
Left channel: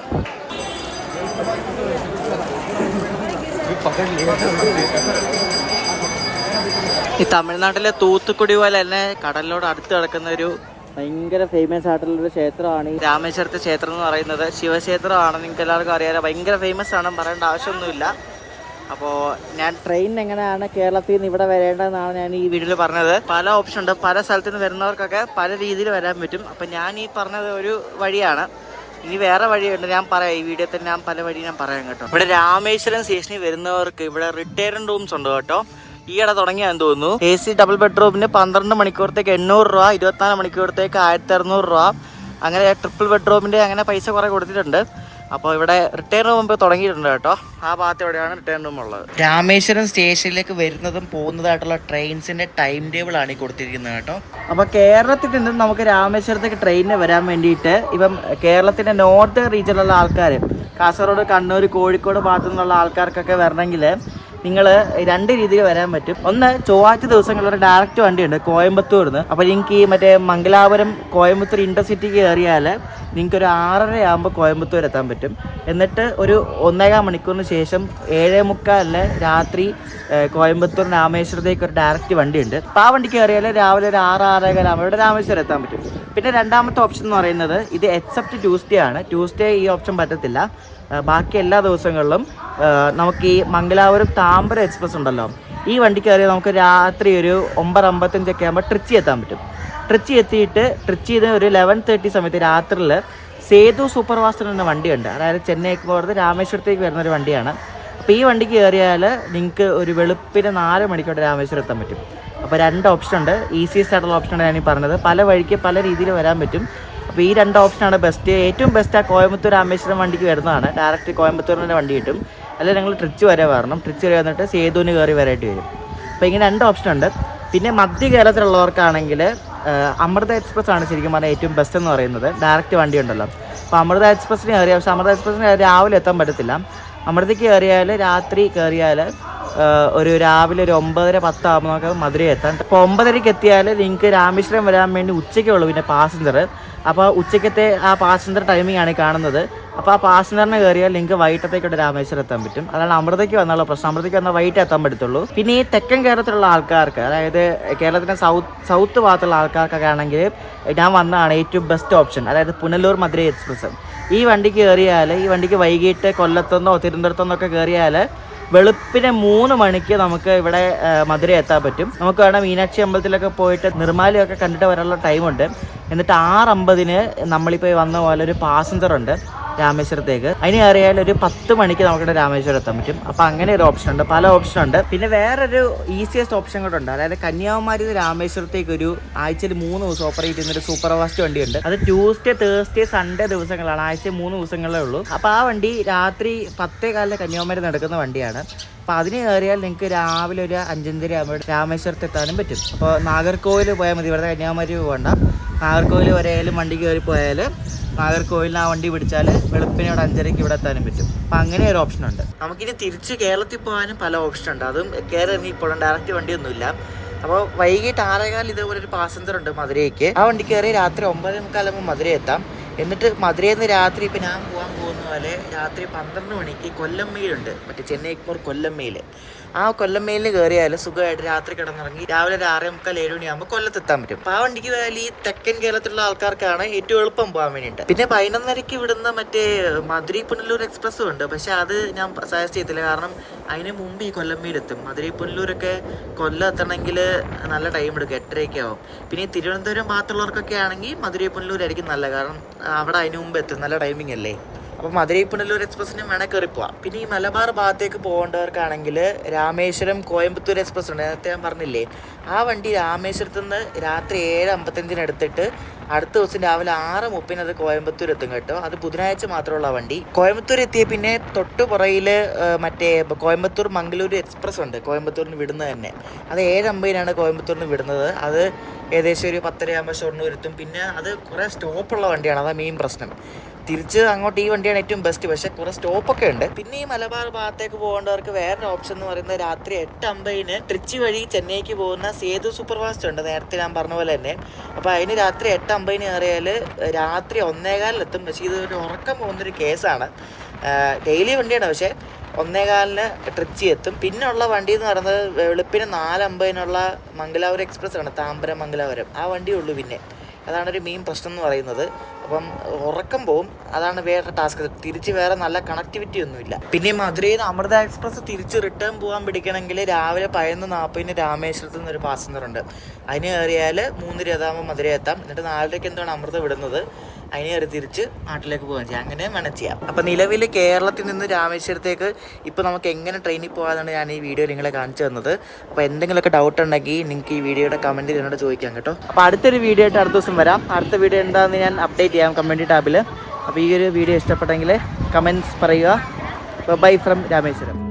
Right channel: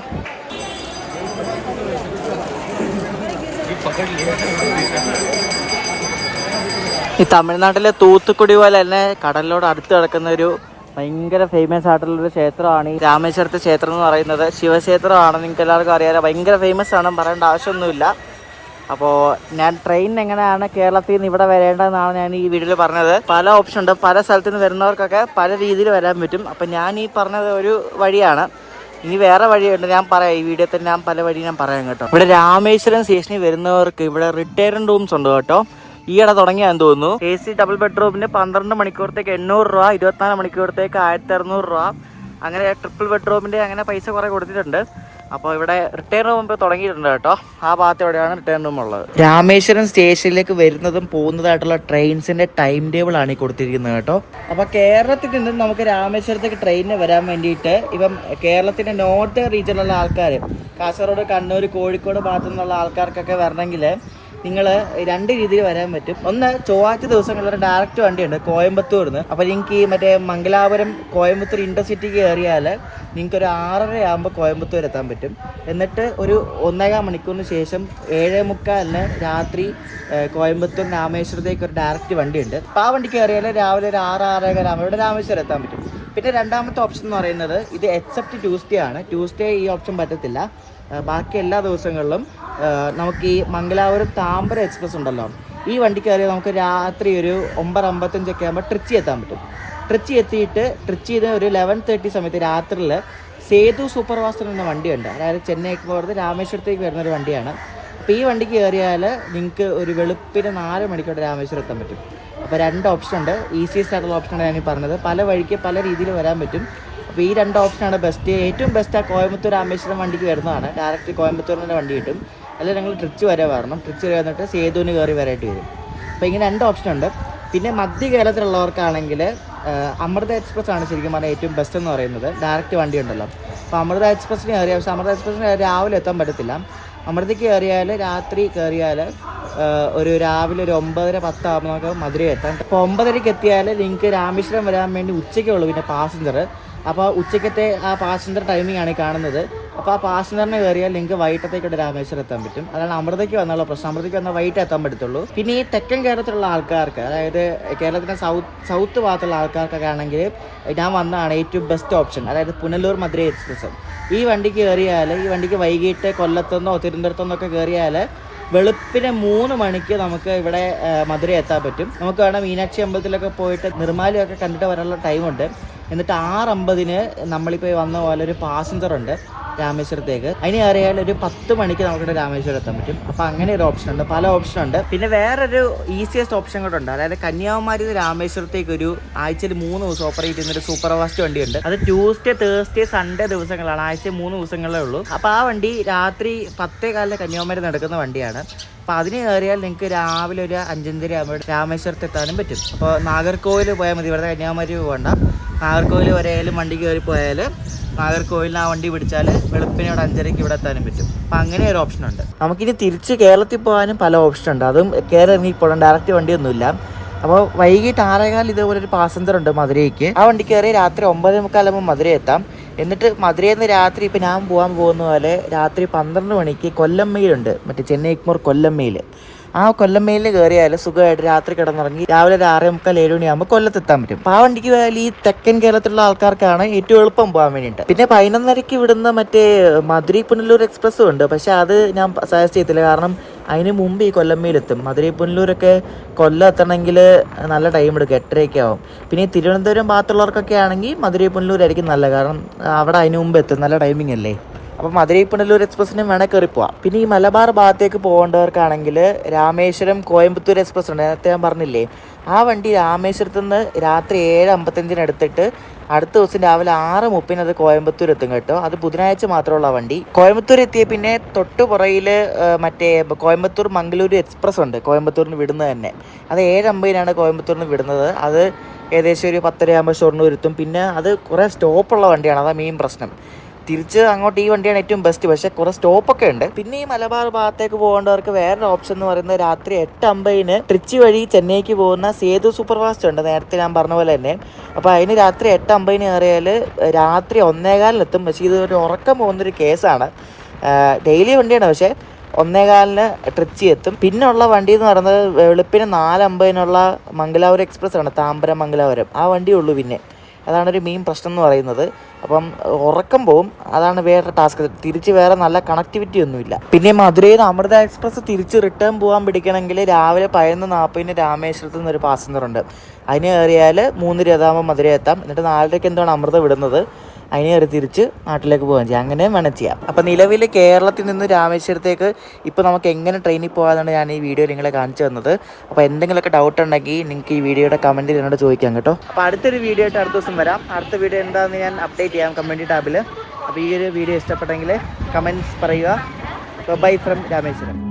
ഈ തമിഴ്നാട്ടിലെ തൂത്തുക്കുടി പോലെ തന്നെ കടലിനോട് അടുത്ത് കിടക്കുന്ന ഒരു ഭയങ്കര ഫേമസ് ആയിട്ടുള്ളൊരു ക്ഷേത്രമാണ് ഈ രാമേശ്വരത്തെ ക്ഷേത്രം എന്ന് പറയുന്നത്. ശിവക്ഷേത്രമാണ്, നിങ്ങൾക്ക് എല്ലാവർക്കും അറിയാം. ഭയങ്കര ഫേമസ് ആണ്, പറയേണ്ട ആവശ്യമൊന്നുമില്ല. അപ്പോൾ ഞാൻ ട്രെയിൻ എങ്ങനെയാണ് കേരളത്തിൽ നിന്ന് ഇവിടെ വരേണ്ടതെന്നാണ് ഞാൻ ഈ വീഡിയോയിൽ പറഞ്ഞത്. പല ഓപ്ഷൻ ഉണ്ട്, പല സ്ഥലത്ത് നിന്ന് വരുന്നവർക്കൊക്കെ പല രീതിയിൽ വരാൻ പറ്റും. അപ്പം ഞാൻ ഈ പറഞ്ഞത് ഒരു വഴിയാണ്. ഇനി വേറെ വഴിയുണ്ട്, ഞാൻ പറയാം. ഈ വീഡിയോ തന്നെ ഞാൻ പല വഴി ഞാൻ പറയാം കേട്ടോ. ഇവിടെ രാമേശ്വരം സ്റ്റേഷനിൽ വരുന്നവർക്ക് ഇവിടെ റിട്ടയർഡ് റൂംസ് ഉണ്ട് കേട്ടോ. ഈയിടെ തുടങ്ങിയാന്ന് തോന്നുന്നു. AC ഡബിൾ ബെഡ്റൂമിന് 12 മണിക്കൂറത്തേക്ക് 800 രൂപ, 24 മണിക്കൂറത്തേക്ക് 1600 രൂപ. അങ്ങനെ ട്രിപ്പിൾ ബെഡ്റൂമിൻ്റെ അങ്ങനെ പൈസ കുറേ കൊടുത്തിട്ടുണ്ട്. അപ്പോൾ ഇവിടെ റിട്ടേൺ റൂം ഇപ്പോൾ തുടങ്ങിയിട്ടുണ്ട് കേട്ടോ. ആ ഭാഗത്ത് എവിടെയാണ് റിട്ടേൺ റൂം ഉള്ളത്. രാമേശ്വരം സ്റ്റേഷനിലേക്ക് വരുന്നതും പോകുന്നതായിട്ടുള്ള ട്രെയിൻസിന്റെ ടൈം ടേബിൾ ആണ് ഈ കൊടുത്തിരിക്കുന്നത് കേട്ടോ. അപ്പോൾ കേരളത്തിൽ നിന്നും നമുക്ക് രാമേശ്വരത്തേക്ക് ട്രെയിനിന് വരാൻ വേണ്ടിയിട്ട് ഇപ്പം കേരളത്തിന്റെ നോർത്ത് റീജിയനിലുള്ള ആൾക്കാർ, കാസർഗോഡ്, കണ്ണൂർ, കോഴിക്കോട് ഭാഗത്തു നിന്നുള്ള ആൾക്കാർക്കൊക്കെ വരണമെങ്കിൽ നിങ്ങൾ 2 രീതിയിൽ വരാൻ പറ്റും. ഒന്ന്, ചൊവ്വാഴ്ച ദിവസങ്ങളിലൊരു ഡയറക്റ്റ് വണ്ടിയുണ്ട് കോയമ്പത്തൂർ നിന്ന്. അപ്പോൾ നിങ്ങൾക്ക് ഈ മറ്റേ മംഗലാപുരം കോയമ്പത്തൂർ ഇന്റർസിറ്റിക്ക് കയറിയാൽ നിങ്ങൾക്കൊരു 6:30 ആകുമ്പോൾ കോയമ്പത്തൂർ എത്താൻ പറ്റും. എന്നിട്ട് ഒരു 1.25 മണിക്കൂറിന് ശേഷം 7:45 രാത്രി കോയമ്പത്തൂർ രാമേശ്വരത്തേക്ക് ഒരു ഡയറക്റ്റ് വണ്ടിയുണ്ട്. അപ്പോൾ ആ വണ്ടിക്ക് കയറിയാൽ രാവിലെ ഒരു 6-6:30 ആകുമ്പോൾ രാമേശ്വരം എത്താൻ പറ്റും. പിന്നെ രണ്ടാമത്തെ ഓപ്ഷൻ എന്ന് പറയുന്നത് ഇത് എക്സെപ്റ്റ് ട്യൂസ്ഡേ ആണ്. ട്യൂസ്ഡേ ഈ ഓപ്ഷൻ പറ്റത്തില്ല. ബാക്കി എല്ലാ ദിവസങ്ങളിലും നമുക്ക് ഈ മംഗലാപുരം താമ്പരം എക്സ്പ്രസ് ഉണ്ടല്ലോ, ഈ വണ്ടി കയറി നമുക്ക് രാത്രി ഒരു 9:55 ആകുമ്പോൾ ട്രിച്ചി എത്താൻ പറ്റും. ട്രിച്ചി എത്തിയിട്ട് ട്രിച്ചിയിൽ ഒരു 11:30 സമയത്ത് രാത്രിയിൽ സേതു സൂപ്പർ ഫാസ്റ്റ് എന്ന വണ്ടിയുണ്ട്. അതായത് ചെന്നൈക്ക് പോകുന്നത് രാമേശ്വരത്തേക്ക് വരുന്ന ഒരു വണ്ടിയാണ്. അപ്പോൾ ഈ വണ്ടിക്ക് കയറിയാൽ നിങ്ങൾക്ക് ഒരു വെളുപ്പിന് 4 മണിക്കൂർ രാമേശ്വരം എത്താൻ പറ്റും. അപ്പോൾ 2 ഓപ്ഷൻ ഉണ്ട്. ഈസിയസ്റ്റ് ആയിട്ടുള്ള ഓപ്ഷനാണ് ഞാൻ ഈ പറഞ്ഞത്. പല വഴിക്ക് പല രീതിയിൽ വരാൻ പറ്റും. അപ്പോൾ ഈ 2 ഓപ്ഷനാണ് ബെസ്റ്റ്. ഏറ്റവും ബെസ്റ്റ് ആ കോയമ്പത്തൂർ രാമേശ്വരം വണ്ടിക്ക് വരുന്നതാണ്. ഡയറക്റ്റ് കോയമ്പത്തൂരിൻ്റെ വണ്ടി കിട്ടും. അല്ലെങ്കിൽ നിങ്ങൾ ട്രിച്ച് വരെ വരണം. ട്രിച്ച് വരെ വന്നിട്ട് സേതുവിന് കയറി വരായിട്ട് വരും. അപ്പോൾ ഇങ്ങനെ 2 ഓപ്ഷൻ ഉണ്ട്. പിന്നെ മധ്യ കേരളത്തിലുള്ളവർക്കാണെങ്കിൽ അമൃത എക്സ്പ്രസ് ആണ് ശരിക്കും പറഞ്ഞാൽ ഏറ്റവും ബെസ്റ്റ് എന്ന് പറയുന്നത്. ഡയറക്റ്റ് വണ്ടി ഉണ്ടല്ലോ. അപ്പോൾ അമൃത എക്സ്പ്രസ്സിന് കയറിയാൽ, പക്ഷേ അമൃത എക്സ്പ്രസ്സിന് രാവിലെ എത്താൻ പറ്റത്തില്ല. അമൃതയ്ക്ക് കയറിയാൽ രാത്രി കയറിയാൽ ഒരു രാവിലെ ഒരു 9:10 ആകുമ്പോൾ നമുക്ക് മധുരയിൽ എത്താം. അപ്പോൾ 9:30 എത്തിയാൽ നിങ്ങൾക്ക് രാമേശ്വരം വരാൻ വേണ്ടി ഉച്ചയ്ക്കുള്ളൂ പിന്നെ പാസഞ്ചർ. അപ്പോൾ ഉച്ചയ്ക്കത്തെ ആ പാസഞ്ചർ ടൈമിംഗ് ആണ് കാണുന്നത്. അപ്പോൾ ആ പാസഞ്ചറിന് കയറിയാൽ നിങ്ങൾക്ക് വൈകിട്ടത്തേക്കൂടെ രാമേശ്വരം എത്താൻ പറ്റും. അതാണ് അമൃതയ്ക്ക് വന്നുള്ള പ്രശ്നം. അമൃതയ്ക്ക് വന്നാൽ വൈകിട്ട് എത്താൻ പറ്റത്തുള്ളൂ. പിന്നെ ഈ തെക്കൻ കേരളത്തിലുള്ള ആൾക്കാർക്ക്, അതായത് കേരളത്തിൻ്റെ സൗത്ത് ഭാഗത്തുള്ള ആൾക്കാർക്കൊക്കെ ആണെങ്കിൽ ഞാൻ വന്നതാണ് ഏറ്റവും ബെസ്റ്റ് ഓപ്ഷൻ. അതായത് പുനലൂർ മധുരൈ എക്സ്പ്രസ്. ഈ വണ്ടിക്ക് കയറിയാൽ, ഈ വണ്ടിക്ക് വൈകിട്ട് കൊല്ലത്തുനിന്നോ തിരുവനന്തപുരത്തുനിന്നോ ഒക്കെ കയറിയാൽ വെളുപ്പിന് 3 മണിക്ക് നമുക്ക് ഇവിടെ മധുര എത്താൻ പറ്റും. നമുക്ക് വേണം മീനാക്ഷി അമ്പലത്തിലൊക്കെ പോയിട്ട് നിർമ്മാലയൊക്കെ കണ്ടിട്ട് വരാനുള്ള ടൈമുണ്ട്. എന്നിട്ട് 6:50 നമ്മളിപ്പോൾ വന്ന പോലെ ഒരു പാസഞ്ചർ ഉണ്ട് രാമേശ്വരത്തേക്ക്. അതിന് കയറിയാൽ ഒരു 10 മണിക്ക് നമുക്കിവിടെ രാമേശ്വരം എത്താൻ പറ്റും. അപ്പോൾ അങ്ങനെ ഒരു ഓപ്ഷൻ ഉണ്ട്, പല ഓപ്ഷൻ ഉണ്ട്. പിന്നെ വേറൊരു ഈസിയസ്റ്റ് ഓപ്ഷൻ കൂടെ ഉണ്ട്. അതായത് കന്യാകുമാരി ആമേശ്വരത്തേക്ക് ഒരു ആഴ്ചയിൽ 3 ദിവസം ഓപ്പറേറ്റ് ചെയ്യുന്ന ഒരു സൂപ്പർ ഫാസ്റ്റ് വണ്ടിയുണ്ട്. അത് ട്യൂസ്ഡേ, തേഴ്സ്ഡേ, സൺഡേ ദിവസങ്ങളാണ്. ആഴ്ചയിൽ 3 ദിവസങ്ങളേ ഉള്ളൂ. അപ്പോൾ ആ വണ്ടി രാത്രി 10:15 കന്യാകുമാരി നടക്കുന്ന വണ്ടിയാണ്. അപ്പോൾ അതിന് കയറിയാൽ നിങ്ങൾക്ക് രാവിലെ ഒരു 5:30 ആകുമ്പോൾ രാമേശ്വരത്ത് എത്താനും പറ്റും. അപ്പോൾ നാഗർകോവിൽ പോയാൽ മതി, ഇവിടെ കന്യാകുമാരി പോകണ്ട. നാഗർകോവിൽ വരെയായാലും വണ്ടി കയറി പോയാൽ നാഗർകോവിലിന് ആ വണ്ടി പിടിച്ചാൽ വെളുപ്പിനെ ഇവിടെ 5:30 ഇവിടെ എത്താനും പറ്റും. അപ്പം അങ്ങനെ ഒരു ഓപ്ഷൻ ഉണ്ട്. നമുക്കിനി തിരിച്ച് കേരളത്തിൽ പോകാനും പല ഓപ്ഷൻ ഉണ്ട്. അതും കയറി ഇറങ്ങിപ്പോകണം, ഡയറക്റ്റ് വണ്ടിയൊന്നുമില്ല. അപ്പോൾ വൈകിട്ട് 6:15 ഇതേപോലെ ഒരു പാസഞ്ചർ ഉണ്ട് മധുരയ്ക്ക്. ആ വണ്ടി കയറി രാത്രി 9:45 ആകുമ്പോൾ മധുര എത്താം. എന്നിട്ട് മധുരയിൽ നിന്ന് രാത്രി ഇപ്പം ഞാൻ പോകാൻ പോകുന്ന പോലെ രാത്രി 12 മണിക്ക് കൊല്ലം മെയിലുണ്ട്, മറ്റേ ചെന്നൈ എഗ്മോർ കൊല്ലം മെയിൽ. ആ കൊല്ലം മെയിലിൽ കയറിയാൽ സുഖമായിട്ട് രാത്രി കിടന്നിറങ്ങി രാവിലെ ഒരു 6:45 7 മണിയാകുമ്പോൾ കൊല്ലത്തെത്താൻ പറ്റും. അപ്പോൾ ആ വണ്ടിക്ക് പോയാൽ ഈ തെക്കൻ കേരളത്തിലുള്ള ആൾക്കാർക്കാണ് ഏറ്റവും എളുപ്പം പോകാൻ വേണ്ടിയിട്ട്. പിന്നെ 11:30 വിടുന്ന മറ്റേ മധുരൈ പുനലൂർ എക്സ്പ്രസ്സും ഉണ്ട്. പക്ഷെ അത് ഞാൻ സജസ്റ്റ് ചെയ്തില്ല, കാരണം അതിന് മുമ്പ് ഈ കൊല്ലം മെയിലെത്തും. മധുരൈ പുനലൂരൊക്കെ കൊല്ലം എത്തണമെങ്കിൽ നല്ല ടൈം എടുക്കും, 8:30 ആവും. പിന്നെ ഈ തിരുവനന്തപുരം ഭാഗത്തുള്ളവർക്കൊക്കെ ആണെങ്കിൽ മധുരൈ പുനലൂരായിരിക്കും നല്ല, കാരണം അവിടെ അതിന് മുമ്പ് എത്തും, നല്ല ടൈമിംഗ് അല്ലേ. അപ്പോൾ മധുരൈ പുനലൂർ എക്സ്പ്രസ്സിനും വേണേൽ കയറി പോവാം. പിന്നെ ഈ മലബാർ ഭാഗത്തേക്ക് പോകേണ്ടവർക്കാണെങ്കിൽ രാമേശ്വരം കോയമ്പത്തൂർ എക്സ്പ്രസ് ഉണ്ട്, നേരത്തെ ഞാൻ പറഞ്ഞില്ലേ. ആ വണ്ടി രാമേശ്വരത്ത് നിന്ന് രാത്രി 7:55 എടുത്തിട്ട് അടുത്ത ദിവസം രാവിലെ 6:30 അത് കോയമ്പത്തൂർ എത്തും കേട്ടോ. അത് ബുധനാഴ്ച മാത്രമുള്ള വണ്ടി. കോയമ്പത്തൂർ എത്തിയ പിന്നെ തൊട്ടുപുറയിൽ മറ്റേ കോയമ്പത്തൂർ മംഗളൂരു എക്സ്പ്രസ് ഉണ്ട്, കോയമ്പത്തൂരിന് വിടുന്നത് തന്നെ. അത് 7:50 കോയമ്പത്തൂരിന് വിടുന്നത്. അത് ഏകദേശം ഒരു 10:30 ആകുമ്പോൾ ഷൊർണൂർ എത്തും. പിന്നെ അത് കുറേ സ്റ്റോപ്പുള്ള വണ്ടിയാണ്, അതാണ് മെയിൻ പ്രശ്നം. തിരിച്ച് അങ്ങോട്ട് ഈ വണ്ടിയാണ് ഏറ്റവും ബെസ്റ്റ്, പക്ഷേ കുറേ സ്റ്റോപ്പൊക്കെ ഉണ്ട്. പിന്നെ ഈ മലബാർ ഭാഗത്തേക്ക് പോകേണ്ടവർക്ക് വേറൊരു ഓപ്ഷൻ എന്ന് പറയുന്നത് രാത്രി 8:50 ട്രിച്ചി വഴി ചെന്നൈക്ക് പോകുന്ന സേതു സൂപ്പർ ഫാസ്റ്റ് ഉണ്ട്, നേരത്തെ ഞാൻ പറഞ്ഞ പോലെ തന്നെ. അപ്പോൾ അതിന് രാത്രി 8:50 കയറിയാൽ രാത്രി 1:15 എത്തും. പക്ഷേ ഇത് ഒരു ഉറക്കം പോകുന്നൊരു കേസാണ്. ഡെയിലി വണ്ടിയാണ്, പക്ഷേ 1:15 ട്രിച്ചി എത്തും. പിന്നെ ഉള്ള വണ്ടി എന്ന് പറയുന്നത് വെളുപ്പിന് 4:50 മംഗലാപുരം എക്സ്പ്രസ് ആണ്, താമ്പരം മംഗലാപുരം. ആ വണ്ടിയേ ഉള്ളൂ. പിന്നെ അതാണ് ഒരു മെയിൻ പ്രശ്നം എന്ന് പറയുന്നത്. അപ്പം ഉറക്കം പോവും, അതാണ് വേറെ ടാസ്ക്. തിരിച്ച് വേറെ നല്ല കണക്ടിവിറ്റി ഒന്നുമില്ല. പിന്നെ മധുരയിൽ നിന്ന് അമൃത എക്സ്പ്രസ് തിരിച്ച് റിട്ടേൺ പോകാൻ പിടിക്കണമെങ്കിൽ രാവിലെ 11:40 രാമേശ്വരത്ത് നിന്നൊരു പാസഞ്ചറുണ്ട്. അതിന് കയറിയാൽ 3:20 മധുര എത്താം. എന്നിട്ട് 4:30 എന്താണ് അമൃത വിടുന്നത്. അതിന് കയറി തിരിച്ച് നാട്ടിലേക്ക് പോകാൻ ചെയ്യാം. അങ്ങനെ വേണം ചെയ്യാം. അപ്പം നിലവിൽ കേരളത്തിൽ നിന്ന് രാമേശ്വരത്തേക്ക് ഇപ്പോൾ നമുക്ക് എങ്ങനെ ട്രെയിനിൽ പോകാമെന്നാണ് ഞാൻ ഈ വീഡിയോ നിങ്ങളെ കാണിച്ചു തന്നത്. അപ്പോൾ എന്തെങ്കിലുമൊക്കെ ഡൗട്ട് ഉണ്ടെങ്കിൽ നിങ്ങൾക്ക് ഈ വീഡിയോയുടെ കമൻറ്റ് എന്നോട് ചോദിക്കാം കേട്ടോ. അപ്പോൾ അടുത്തൊരു വീഡിയോ ആയിട്ട് അടുത്ത ദിവസം വരാം. അടുത്ത വീഡിയോ എന്താണെന്ന് ഞാൻ അപ്ഡേറ്റ് ചെയ്യാം കമൻറ്റ് ടാബിൽ. അപ്പോൾ ഈ ഒരു വീഡിയോ ഇഷ്ടപ്പെട്ടെങ്കിൽ കമൻറ്റ്സ് പറയുക. Bye from Rameswaram.